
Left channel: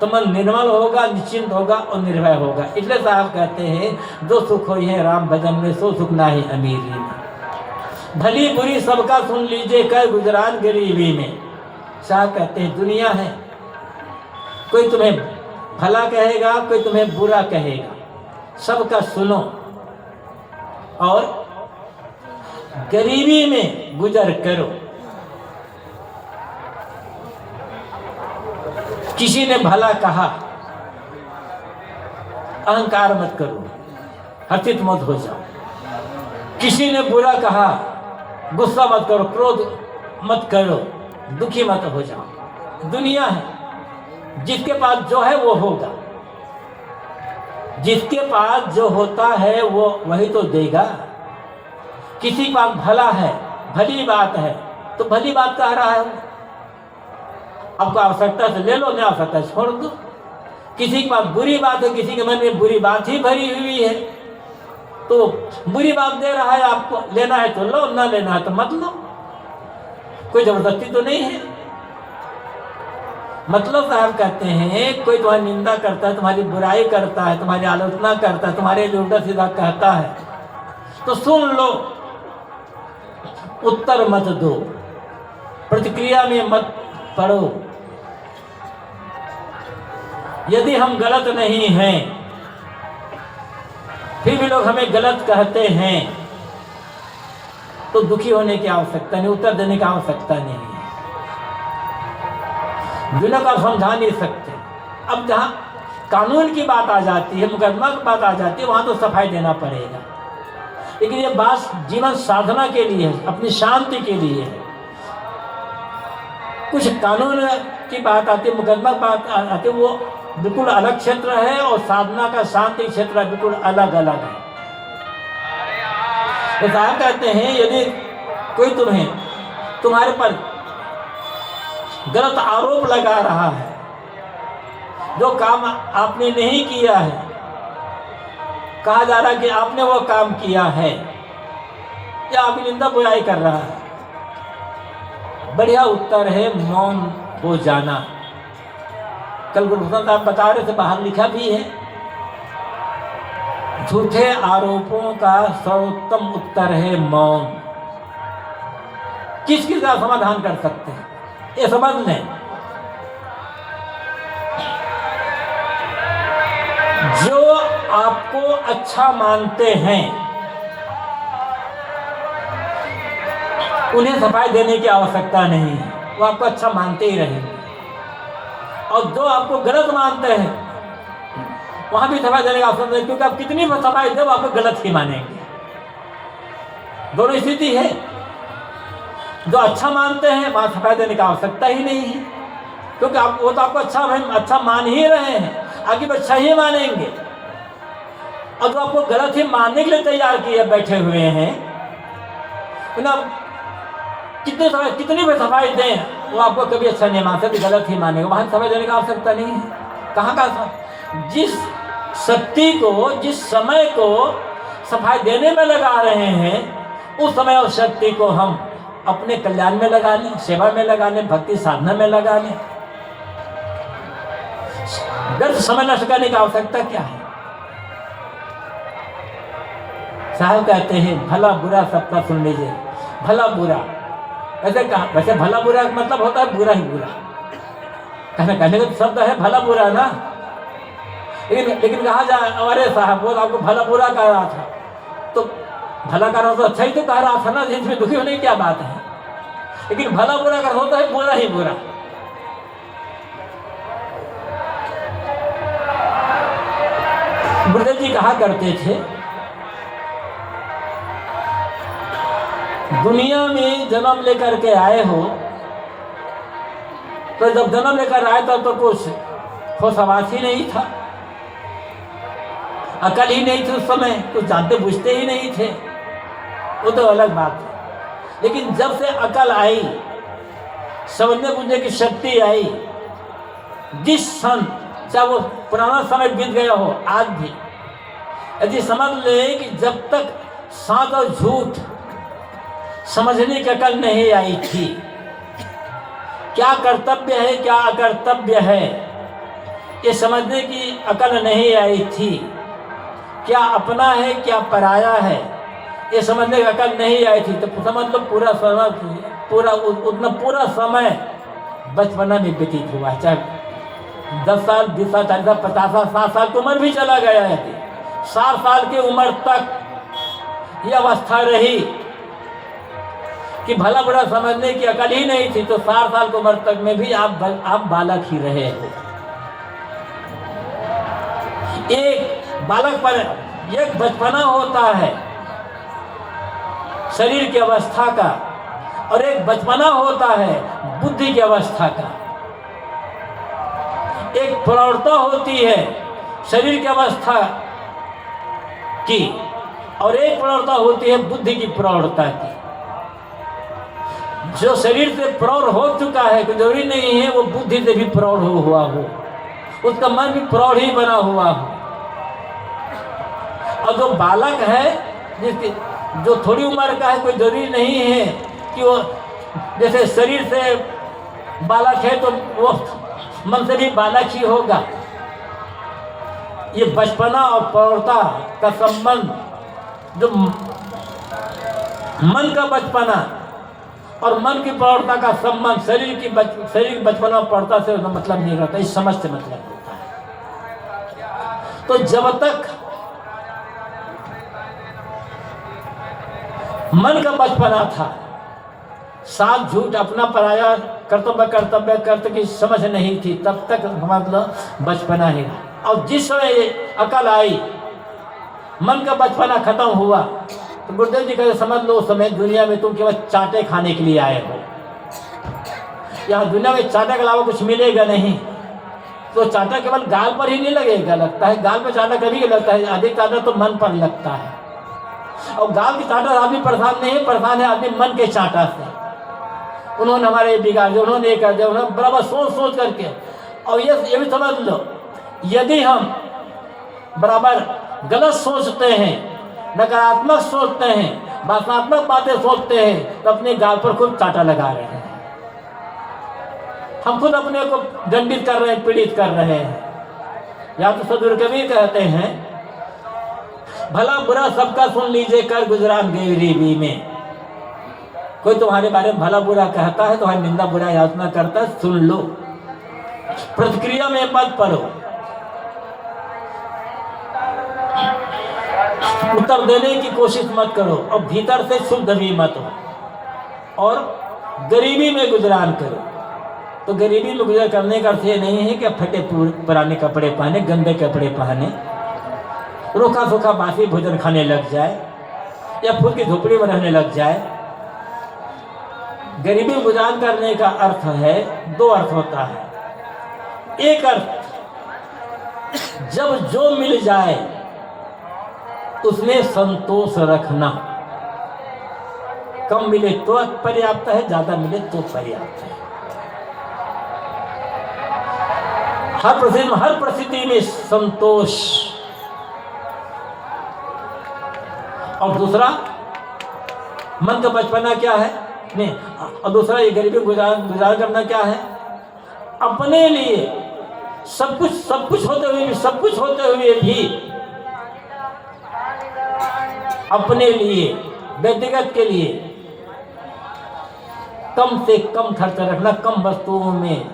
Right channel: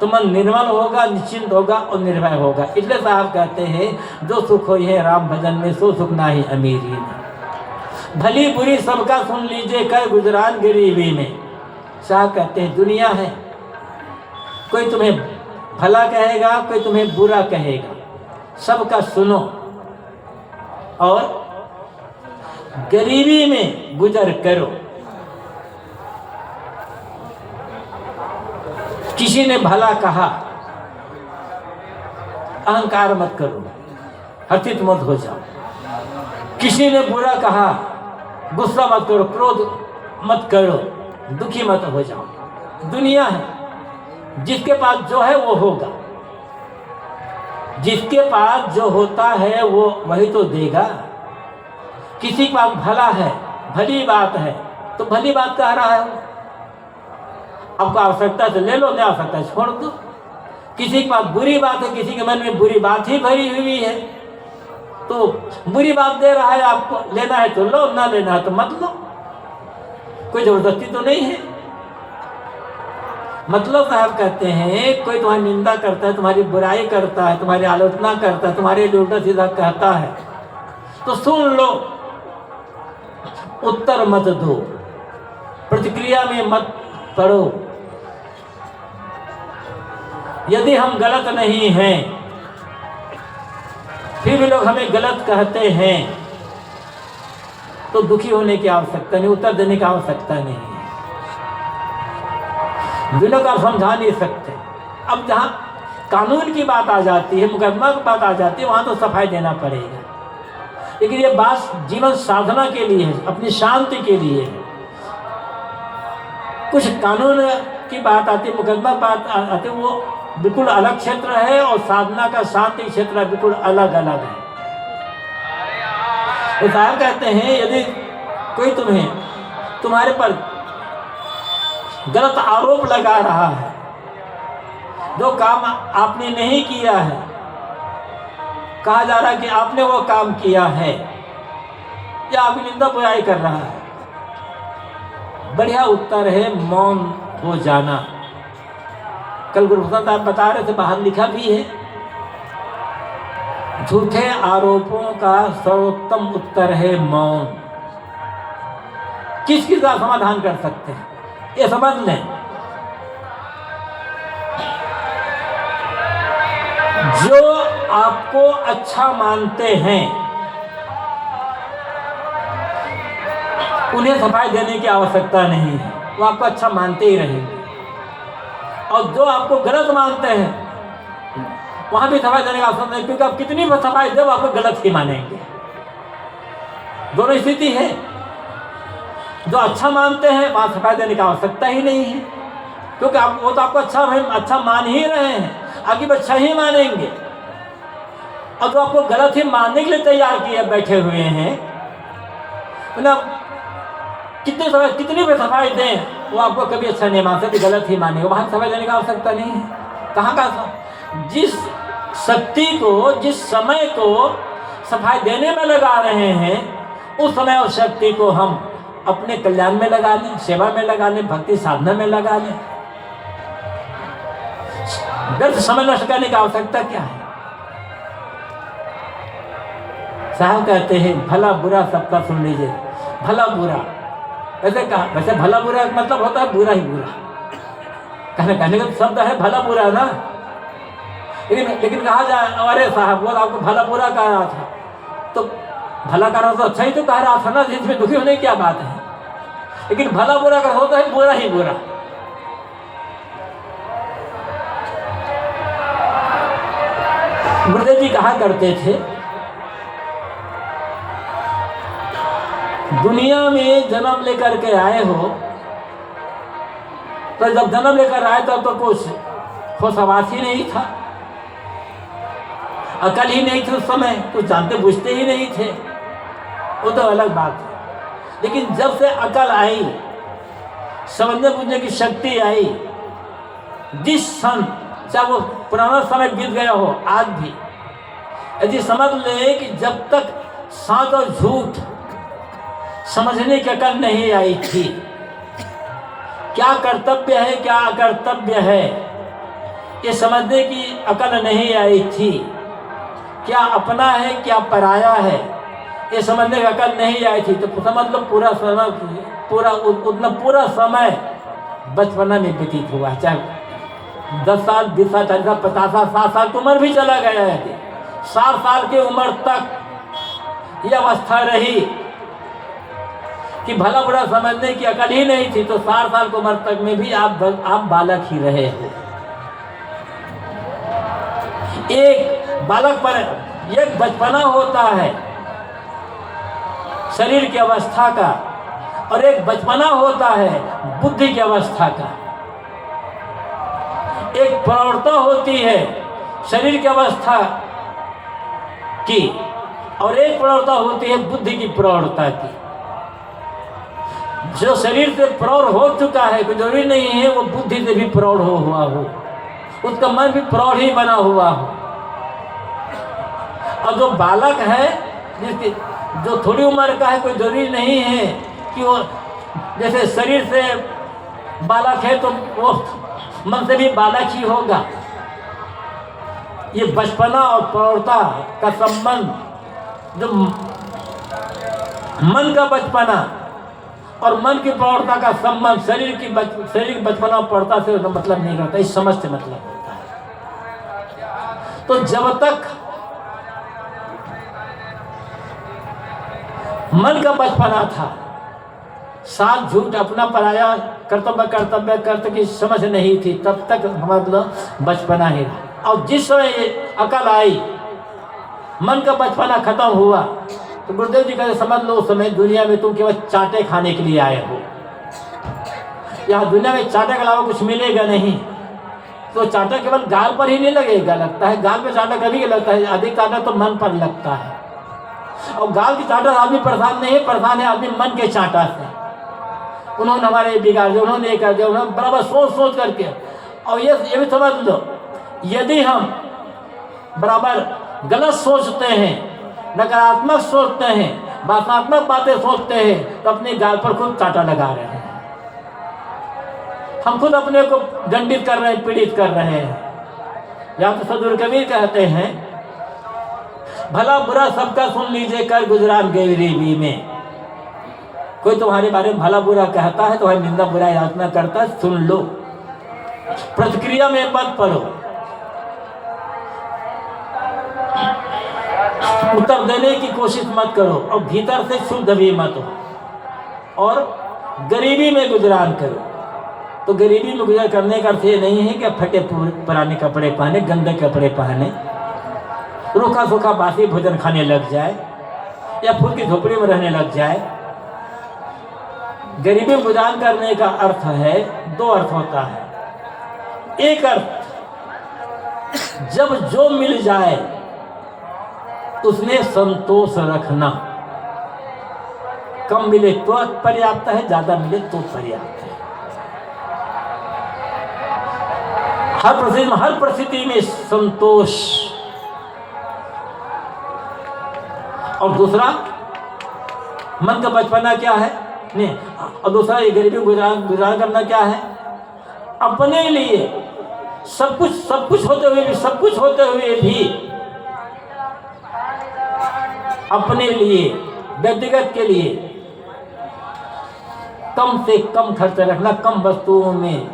तो मन निर्मल होगा, निश्चिंत होगा और निर्भय होगा। इसलिए साहब कहते हैं, जो सुख हो है राम भजन में, सो सुख ना ही अमीरी में। भली बुरी सबका सुन लीजिए, कर गुजरान गरीबी में। साहब कहते हैं, दुनिया है, कोई तुम्हें भला कहेगा, कोई तुम्हें बुरा कहेगा, सबका सुनो और गरीबी में गुजर करो। किसी ने भला कहा, अहंकार मत करो, हर्षित मत हो जाओ। किसी ने बुरा कहा, गुस्सा मत करो, क्रोध मत करो, दुखी मत हो जाओ। दुनिया है, जिसके पास जो है वो होगा, जिसके पास जो होता है वो वही तो देगा। किसी के पास भला है, भली बात है, तो भली बात कह रहा है, आपको आवश्यकता है तो ले लो, नहीं आवश्यकता है छोड़ दो। किसी के पास बुरी बात है, किसी के मन में बुरी बात ही भरी हुई है, तो बुरी बात दे रहा है, आपको लेना है तो लो, ना लेना है तो मत लो, कोई जबरदस्ती तो नहीं है। मतलब साहब कहते हैं, कोई तुम्हारी निंदा करता है, तुम्हारी बुराई करता है, तुम्हारी आलोचना करता है, तुम्हारे लिए उल्टा सीधा कहता है, तो सुन लो, उत्तर मत दो, प्रतिक्रिया में मत पड़ो। यदि हम गलत नहीं हैं, फिर भी लोग हमें गलत कहते हैं, तो दुखी होने की आवश्यकता नहीं, उत्तर देने की आवश्यकता नहीं है। दुनिया को आप समझा नहीं सकते। अब जहाँ कानून की बात आ जाती है, मुकदमा की बात आ जाती है, वहाँ तो सफाई देना पड़ेगा। लेकिन ये बात जीवन साधना के लिए है, अपनी शांति के लिए है। कुछ कानून की बात आती है, मुकदमा की बात आती है, वो बिल्कुल अलग क्षेत्र है, और साधना का शांति क्षेत्र बिल्कुल अलग अलग है। तो साहब कहते हैं, यदि कोई तुम्हारे पर गलत आरोप लगा रहा है, जो काम आपने नहीं किया है, कहा जा रहा है कि आपने वो काम किया है, या आपकी निंदा बुराई कर रहा है, बढ़िया उत्तर है मौन हो जाना। कल गुरुप्रसाद आप बता रहे थे, बाहर लिखा भी है, झूठे आरोपों का सर्वोत्तम उत्तर है मौन। किस किस का समाधान कर सकते हैं, ये समझ लें। जो आपको अच्छा मानते हैं, उन्हें सफाई देने की आवश्यकता नहीं है, वो आपको अच्छा मानते ही रहेंगे। और जो आपको गलत मानते हैं, वहां भी सफाई देने की आवश्यकता नहीं, क्योंकि आप कितनी भी सफाई दे, वो आपको गलत ही मानेंगे। दोनों स्थिति है। जो अच्छा मानते हैं, वहां सफाई देने की आवश्यकता ही नहीं है, क्योंकि वो तो आपको अच्छा मान ही रहे हैं, आगे भी अच्छा ही मानेंगे। और जो आपको गलत ही मानने के लिए तैयार किए बैठे हुए हैं, मतलब कितनी भी सफाई दें, वो आपको कभी अच्छा नहीं मान सकते, गलत ही मानेंगे। वहां सफाई देने की आवश्यकता नहीं है। कहाँ का जिस शक्ति को, जिस समय को सफाई देने में लगा रहे हैं, उस समय और शक्ति को हम अपने कल्याण में लगा लें, सेवा में लगा लें, भक्ति साधना में लगा लें। व्यर्थ समय नष्ट करने की आवश्यकता क्या है? साहब कहते हैं भला बुरा सबका सुन लीजिए। भला बुरा ऐसे कहा, वैसे भला बुरा का मतलब होता है बुरा ही बुरा, कहने का शब्द है भला बुरा है ना, लेकिन कहा जाए अरे साहब वो आपको भला बुरा कह रहा था, तो भला का तो अच्छा ही तो कह रहा था ना, जिसमें दुखी होने की क्या बात है। लेकिन भला बुरा का होता है बुरा ही बुरा। गुरुदेव जी कहा करते थे दुनिया में जन्म लेकर के आए हो, तो जब जन्म लेकर आए तब तो कुछ होशवास ही नहीं था, अकल ही नहीं थी उस समय, कुछ जानते बुझते ही नहीं थे, वो तो अलग बात है। लेकिन जब से अकल आई, समझने बुझने की शक्ति आई, जिस क्षण चाहे वो पुराना समय बीत गया हो, आज भी यदि समझ ले कि जब तक सच और झूठ समझने की अकल नहीं आई थी, क्या कर्तव्य है क्या अकर्तव्य है ये समझने की अकल नहीं आई थी, क्या अपना है क्या पराया है ये समझने की अकल नहीं आई थी, तो समझ लो पूरा समय बचपना में व्यतीत हुआ। चाहे 10 साल 20 साल 40 साल 50 साल 60 साल की उम्र भी चला गया है, 60 साल की उम्र तक ये अवस्था रही कि भला बुरा समझने की अकल ही नहीं थी, तो 60 साल की उम्र तक में भी आप बालक ही रहे। एक बालक पर एक बचपना होता है शरीर की अवस्था का, और एक बचपना होता है बुद्धि की अवस्था का। एक प्रौढ़ता होती है शरीर की अवस्था की, और एक प्रौढ़ता होती है बुद्धि की प्रौढ़ता की। जो शरीर से प्रौढ़ हो चुका है, कोई जरूरी नहीं है वो बुद्धि से भी प्रौढ़ हुआ हो, उसका मन भी प्रौढ़ ही बना हुआ हो। और जो बालक है, जिसकी जो थोड़ी उम्र का है, कोई जरूरी नहीं है कि वो जैसे शरीर से बालक है तो वो मन से भी बालक ही होगा। ये बचपना और प्रौढ़ता का संबंध, जो मन का बचपना और मन की प्रौढ़ता का संबंध शरीर की बचपना और प्रौढ़ता से मतलब नहीं होता, इस समझ से मतलब होता है। तो जब तक मन का बचपना था, साथ झूठ अपना पराया कर्तव्य कर्त की समझ नहीं थी, तब तक मतलब बचपना है। और जिस समय अकल आई, मन का बचपना खत्म हुआ, तो गुरुदेव जी कहते समझ लो उस समय दुनिया में तुम केवल चाटे खाने के लिए आए हो। यहाँ दुनिया में चाटे के अलावा कुछ मिलेगा नहीं। तो चाटा केवल गाल पर ही नहीं लगेगा, लगता है गाल पर चाटा कभी लगता है, अधिक चाटा तो मन पर लगता है। और गाल की चाटा आदमी परेशान नहीं है, परेशान है आदमी मन के चाटा से। उन्होंने हमारे बिगाड़ दिया, उन्होंने ये कर दिया, उन्होंने बराबर सोच करके। और ये भी समझ लो, यदि हम बराबर गलत सोचते हैं, नकारात्मक सोचते हैं, भावनात्मक बातें सोचते हैं, तो अपने गाल पर खुद चाटा लगा रहे हैं। हम खुद अपने को दंडित कर रहे हैं, पीड़ित कर रहे हैं। या तो सदगुरु कबीर कहते हैं भला बुरा सबका सुन लीजिए कर गुजरान गरीबी में। कोई तुम्हारे बारे में भला बुरा कहता है, तुम्हारी निंदा बुरा यातना करता है, सुन लो, प्रतिक्रिया में मत पड़ो, उत्तर देने की कोशिश मत करो, और भीतर से शुद्ध भी मत हो, और गरीबी में गुजरान करो। तो गरीबी में गुजर करने का अर्थ ये नहीं है कि फटे पुराने कपड़े पहने, गंदे कपड़े पहने, रूखा सूखा बासी भोजन खाने लग जाए, या फूल की झोपड़ी में रहने लग जाए। गरीबी में गुजरान करने का अर्थ है, दो अर्थ होता है। एक अर्थ, जब जो मिल जाए उसमें संतोष रखना, कम मिले तो पर्याप्त है, ज्यादा मिले तो पर्याप्त है। हर परिस्थिति में संतोष। और दूसरा, मन का बचपना क्या है? नहीं। और दूसरा ये गरीबी गुजार करना क्या है? अपने लिए सब कुछ होते हुए भी अपने लिए, व्यक्तिगत के लिए कम से कम खर्च रखना, कम वस्तुओं में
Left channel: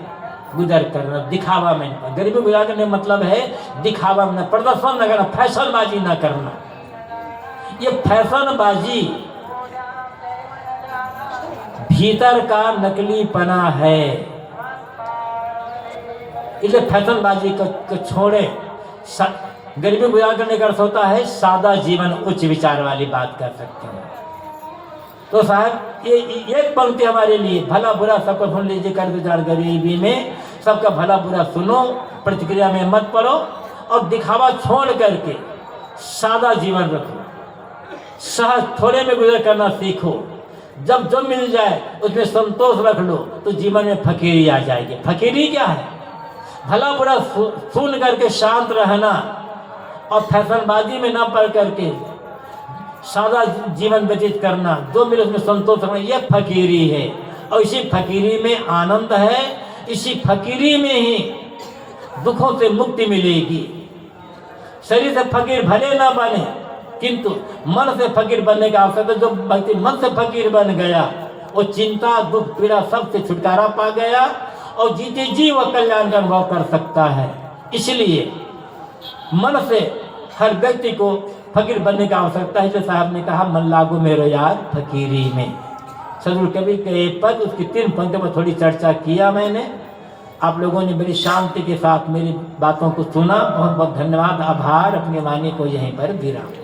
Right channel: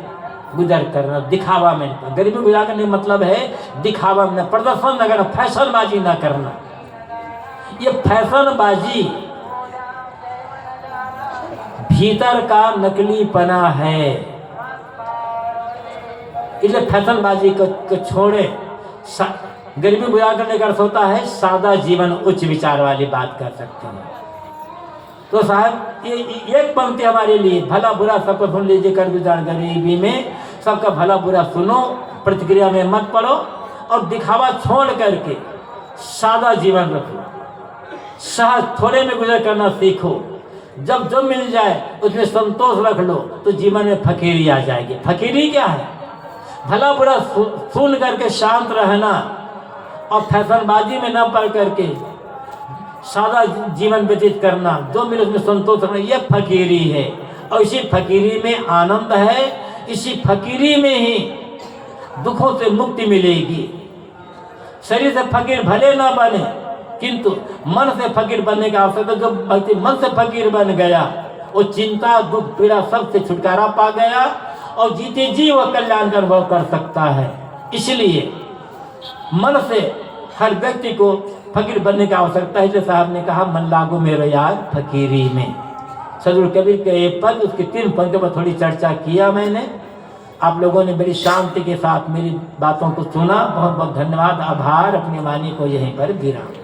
गुजर करना, दिखावा में। गरीबी गुजार करने का मतलब है दिखावा में, प्रदर्शन न करना, फैशनबाजी ना करना। ये फैशनबाजी भीतर का नकलीपना है। इसलिए फैशनबाजी को छोड़े। गरीबी गुजार करने का अर्थ होता है सादा जीवन, उच्च विचार वाली बात कर सकते हैं। तो साहब ये एक पंक्ति हमारे लिए, भला बुरा सबको सुन लीजिए, कर गुजार गरीबी में सबका भला बुरा सुनो, प्रतिक्रिया में मत पड़ो और दिखावा छोड़ करके सादा जीवन रखो, सहज थोड़े में गुजर करना सीखो। जब जो मिल जाए उसमें संतोष रख लो तो जीवन में फकीरी आ जाएगी। फकीरी क्या है? भला बुरा सुन करके शांत रहना और फैशनबाजी में न पड़ करके सादा जीवन व्यतीत करना, जो मिले उसमें संतोष रखना, यह फकीरी है। और इसी फकीरी में आनंद है, इसी फकीरी में ही दुखों से मुक्ति मिलेगी। शरीर से फकीर भले ना बने किंतु मन से फकीर बनने का अवसर है। जो व्यक्ति मन से फकीर बन गया वो चिंता, दुख, पीड़ा सबसे छुटकारा पा गया और जीते जी वह कल्याण का अनुभव कर सकता है। इसलिए मन से हर व्यक्ति को फकीर बनने का आवश्यकता है। इसलिए साहब ने कहा मन लागू मेरे यार फकीरी में। सदगुरु कबीर के एक पद, उसकी 3 पंक्तियों पर थोड़ी चर्चा किया मैंने। आप लोगों ने बड़ी शांति के साथ मेरी बातों को सुना, बहुत बहुत धन्यवाद, आभार। अपनी वाणी को यहीं पर विराम।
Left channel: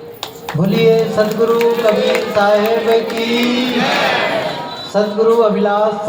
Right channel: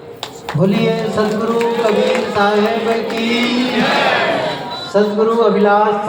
बोलिए सदगुरु कबीर साहिब की, सदगुरु अभिलाष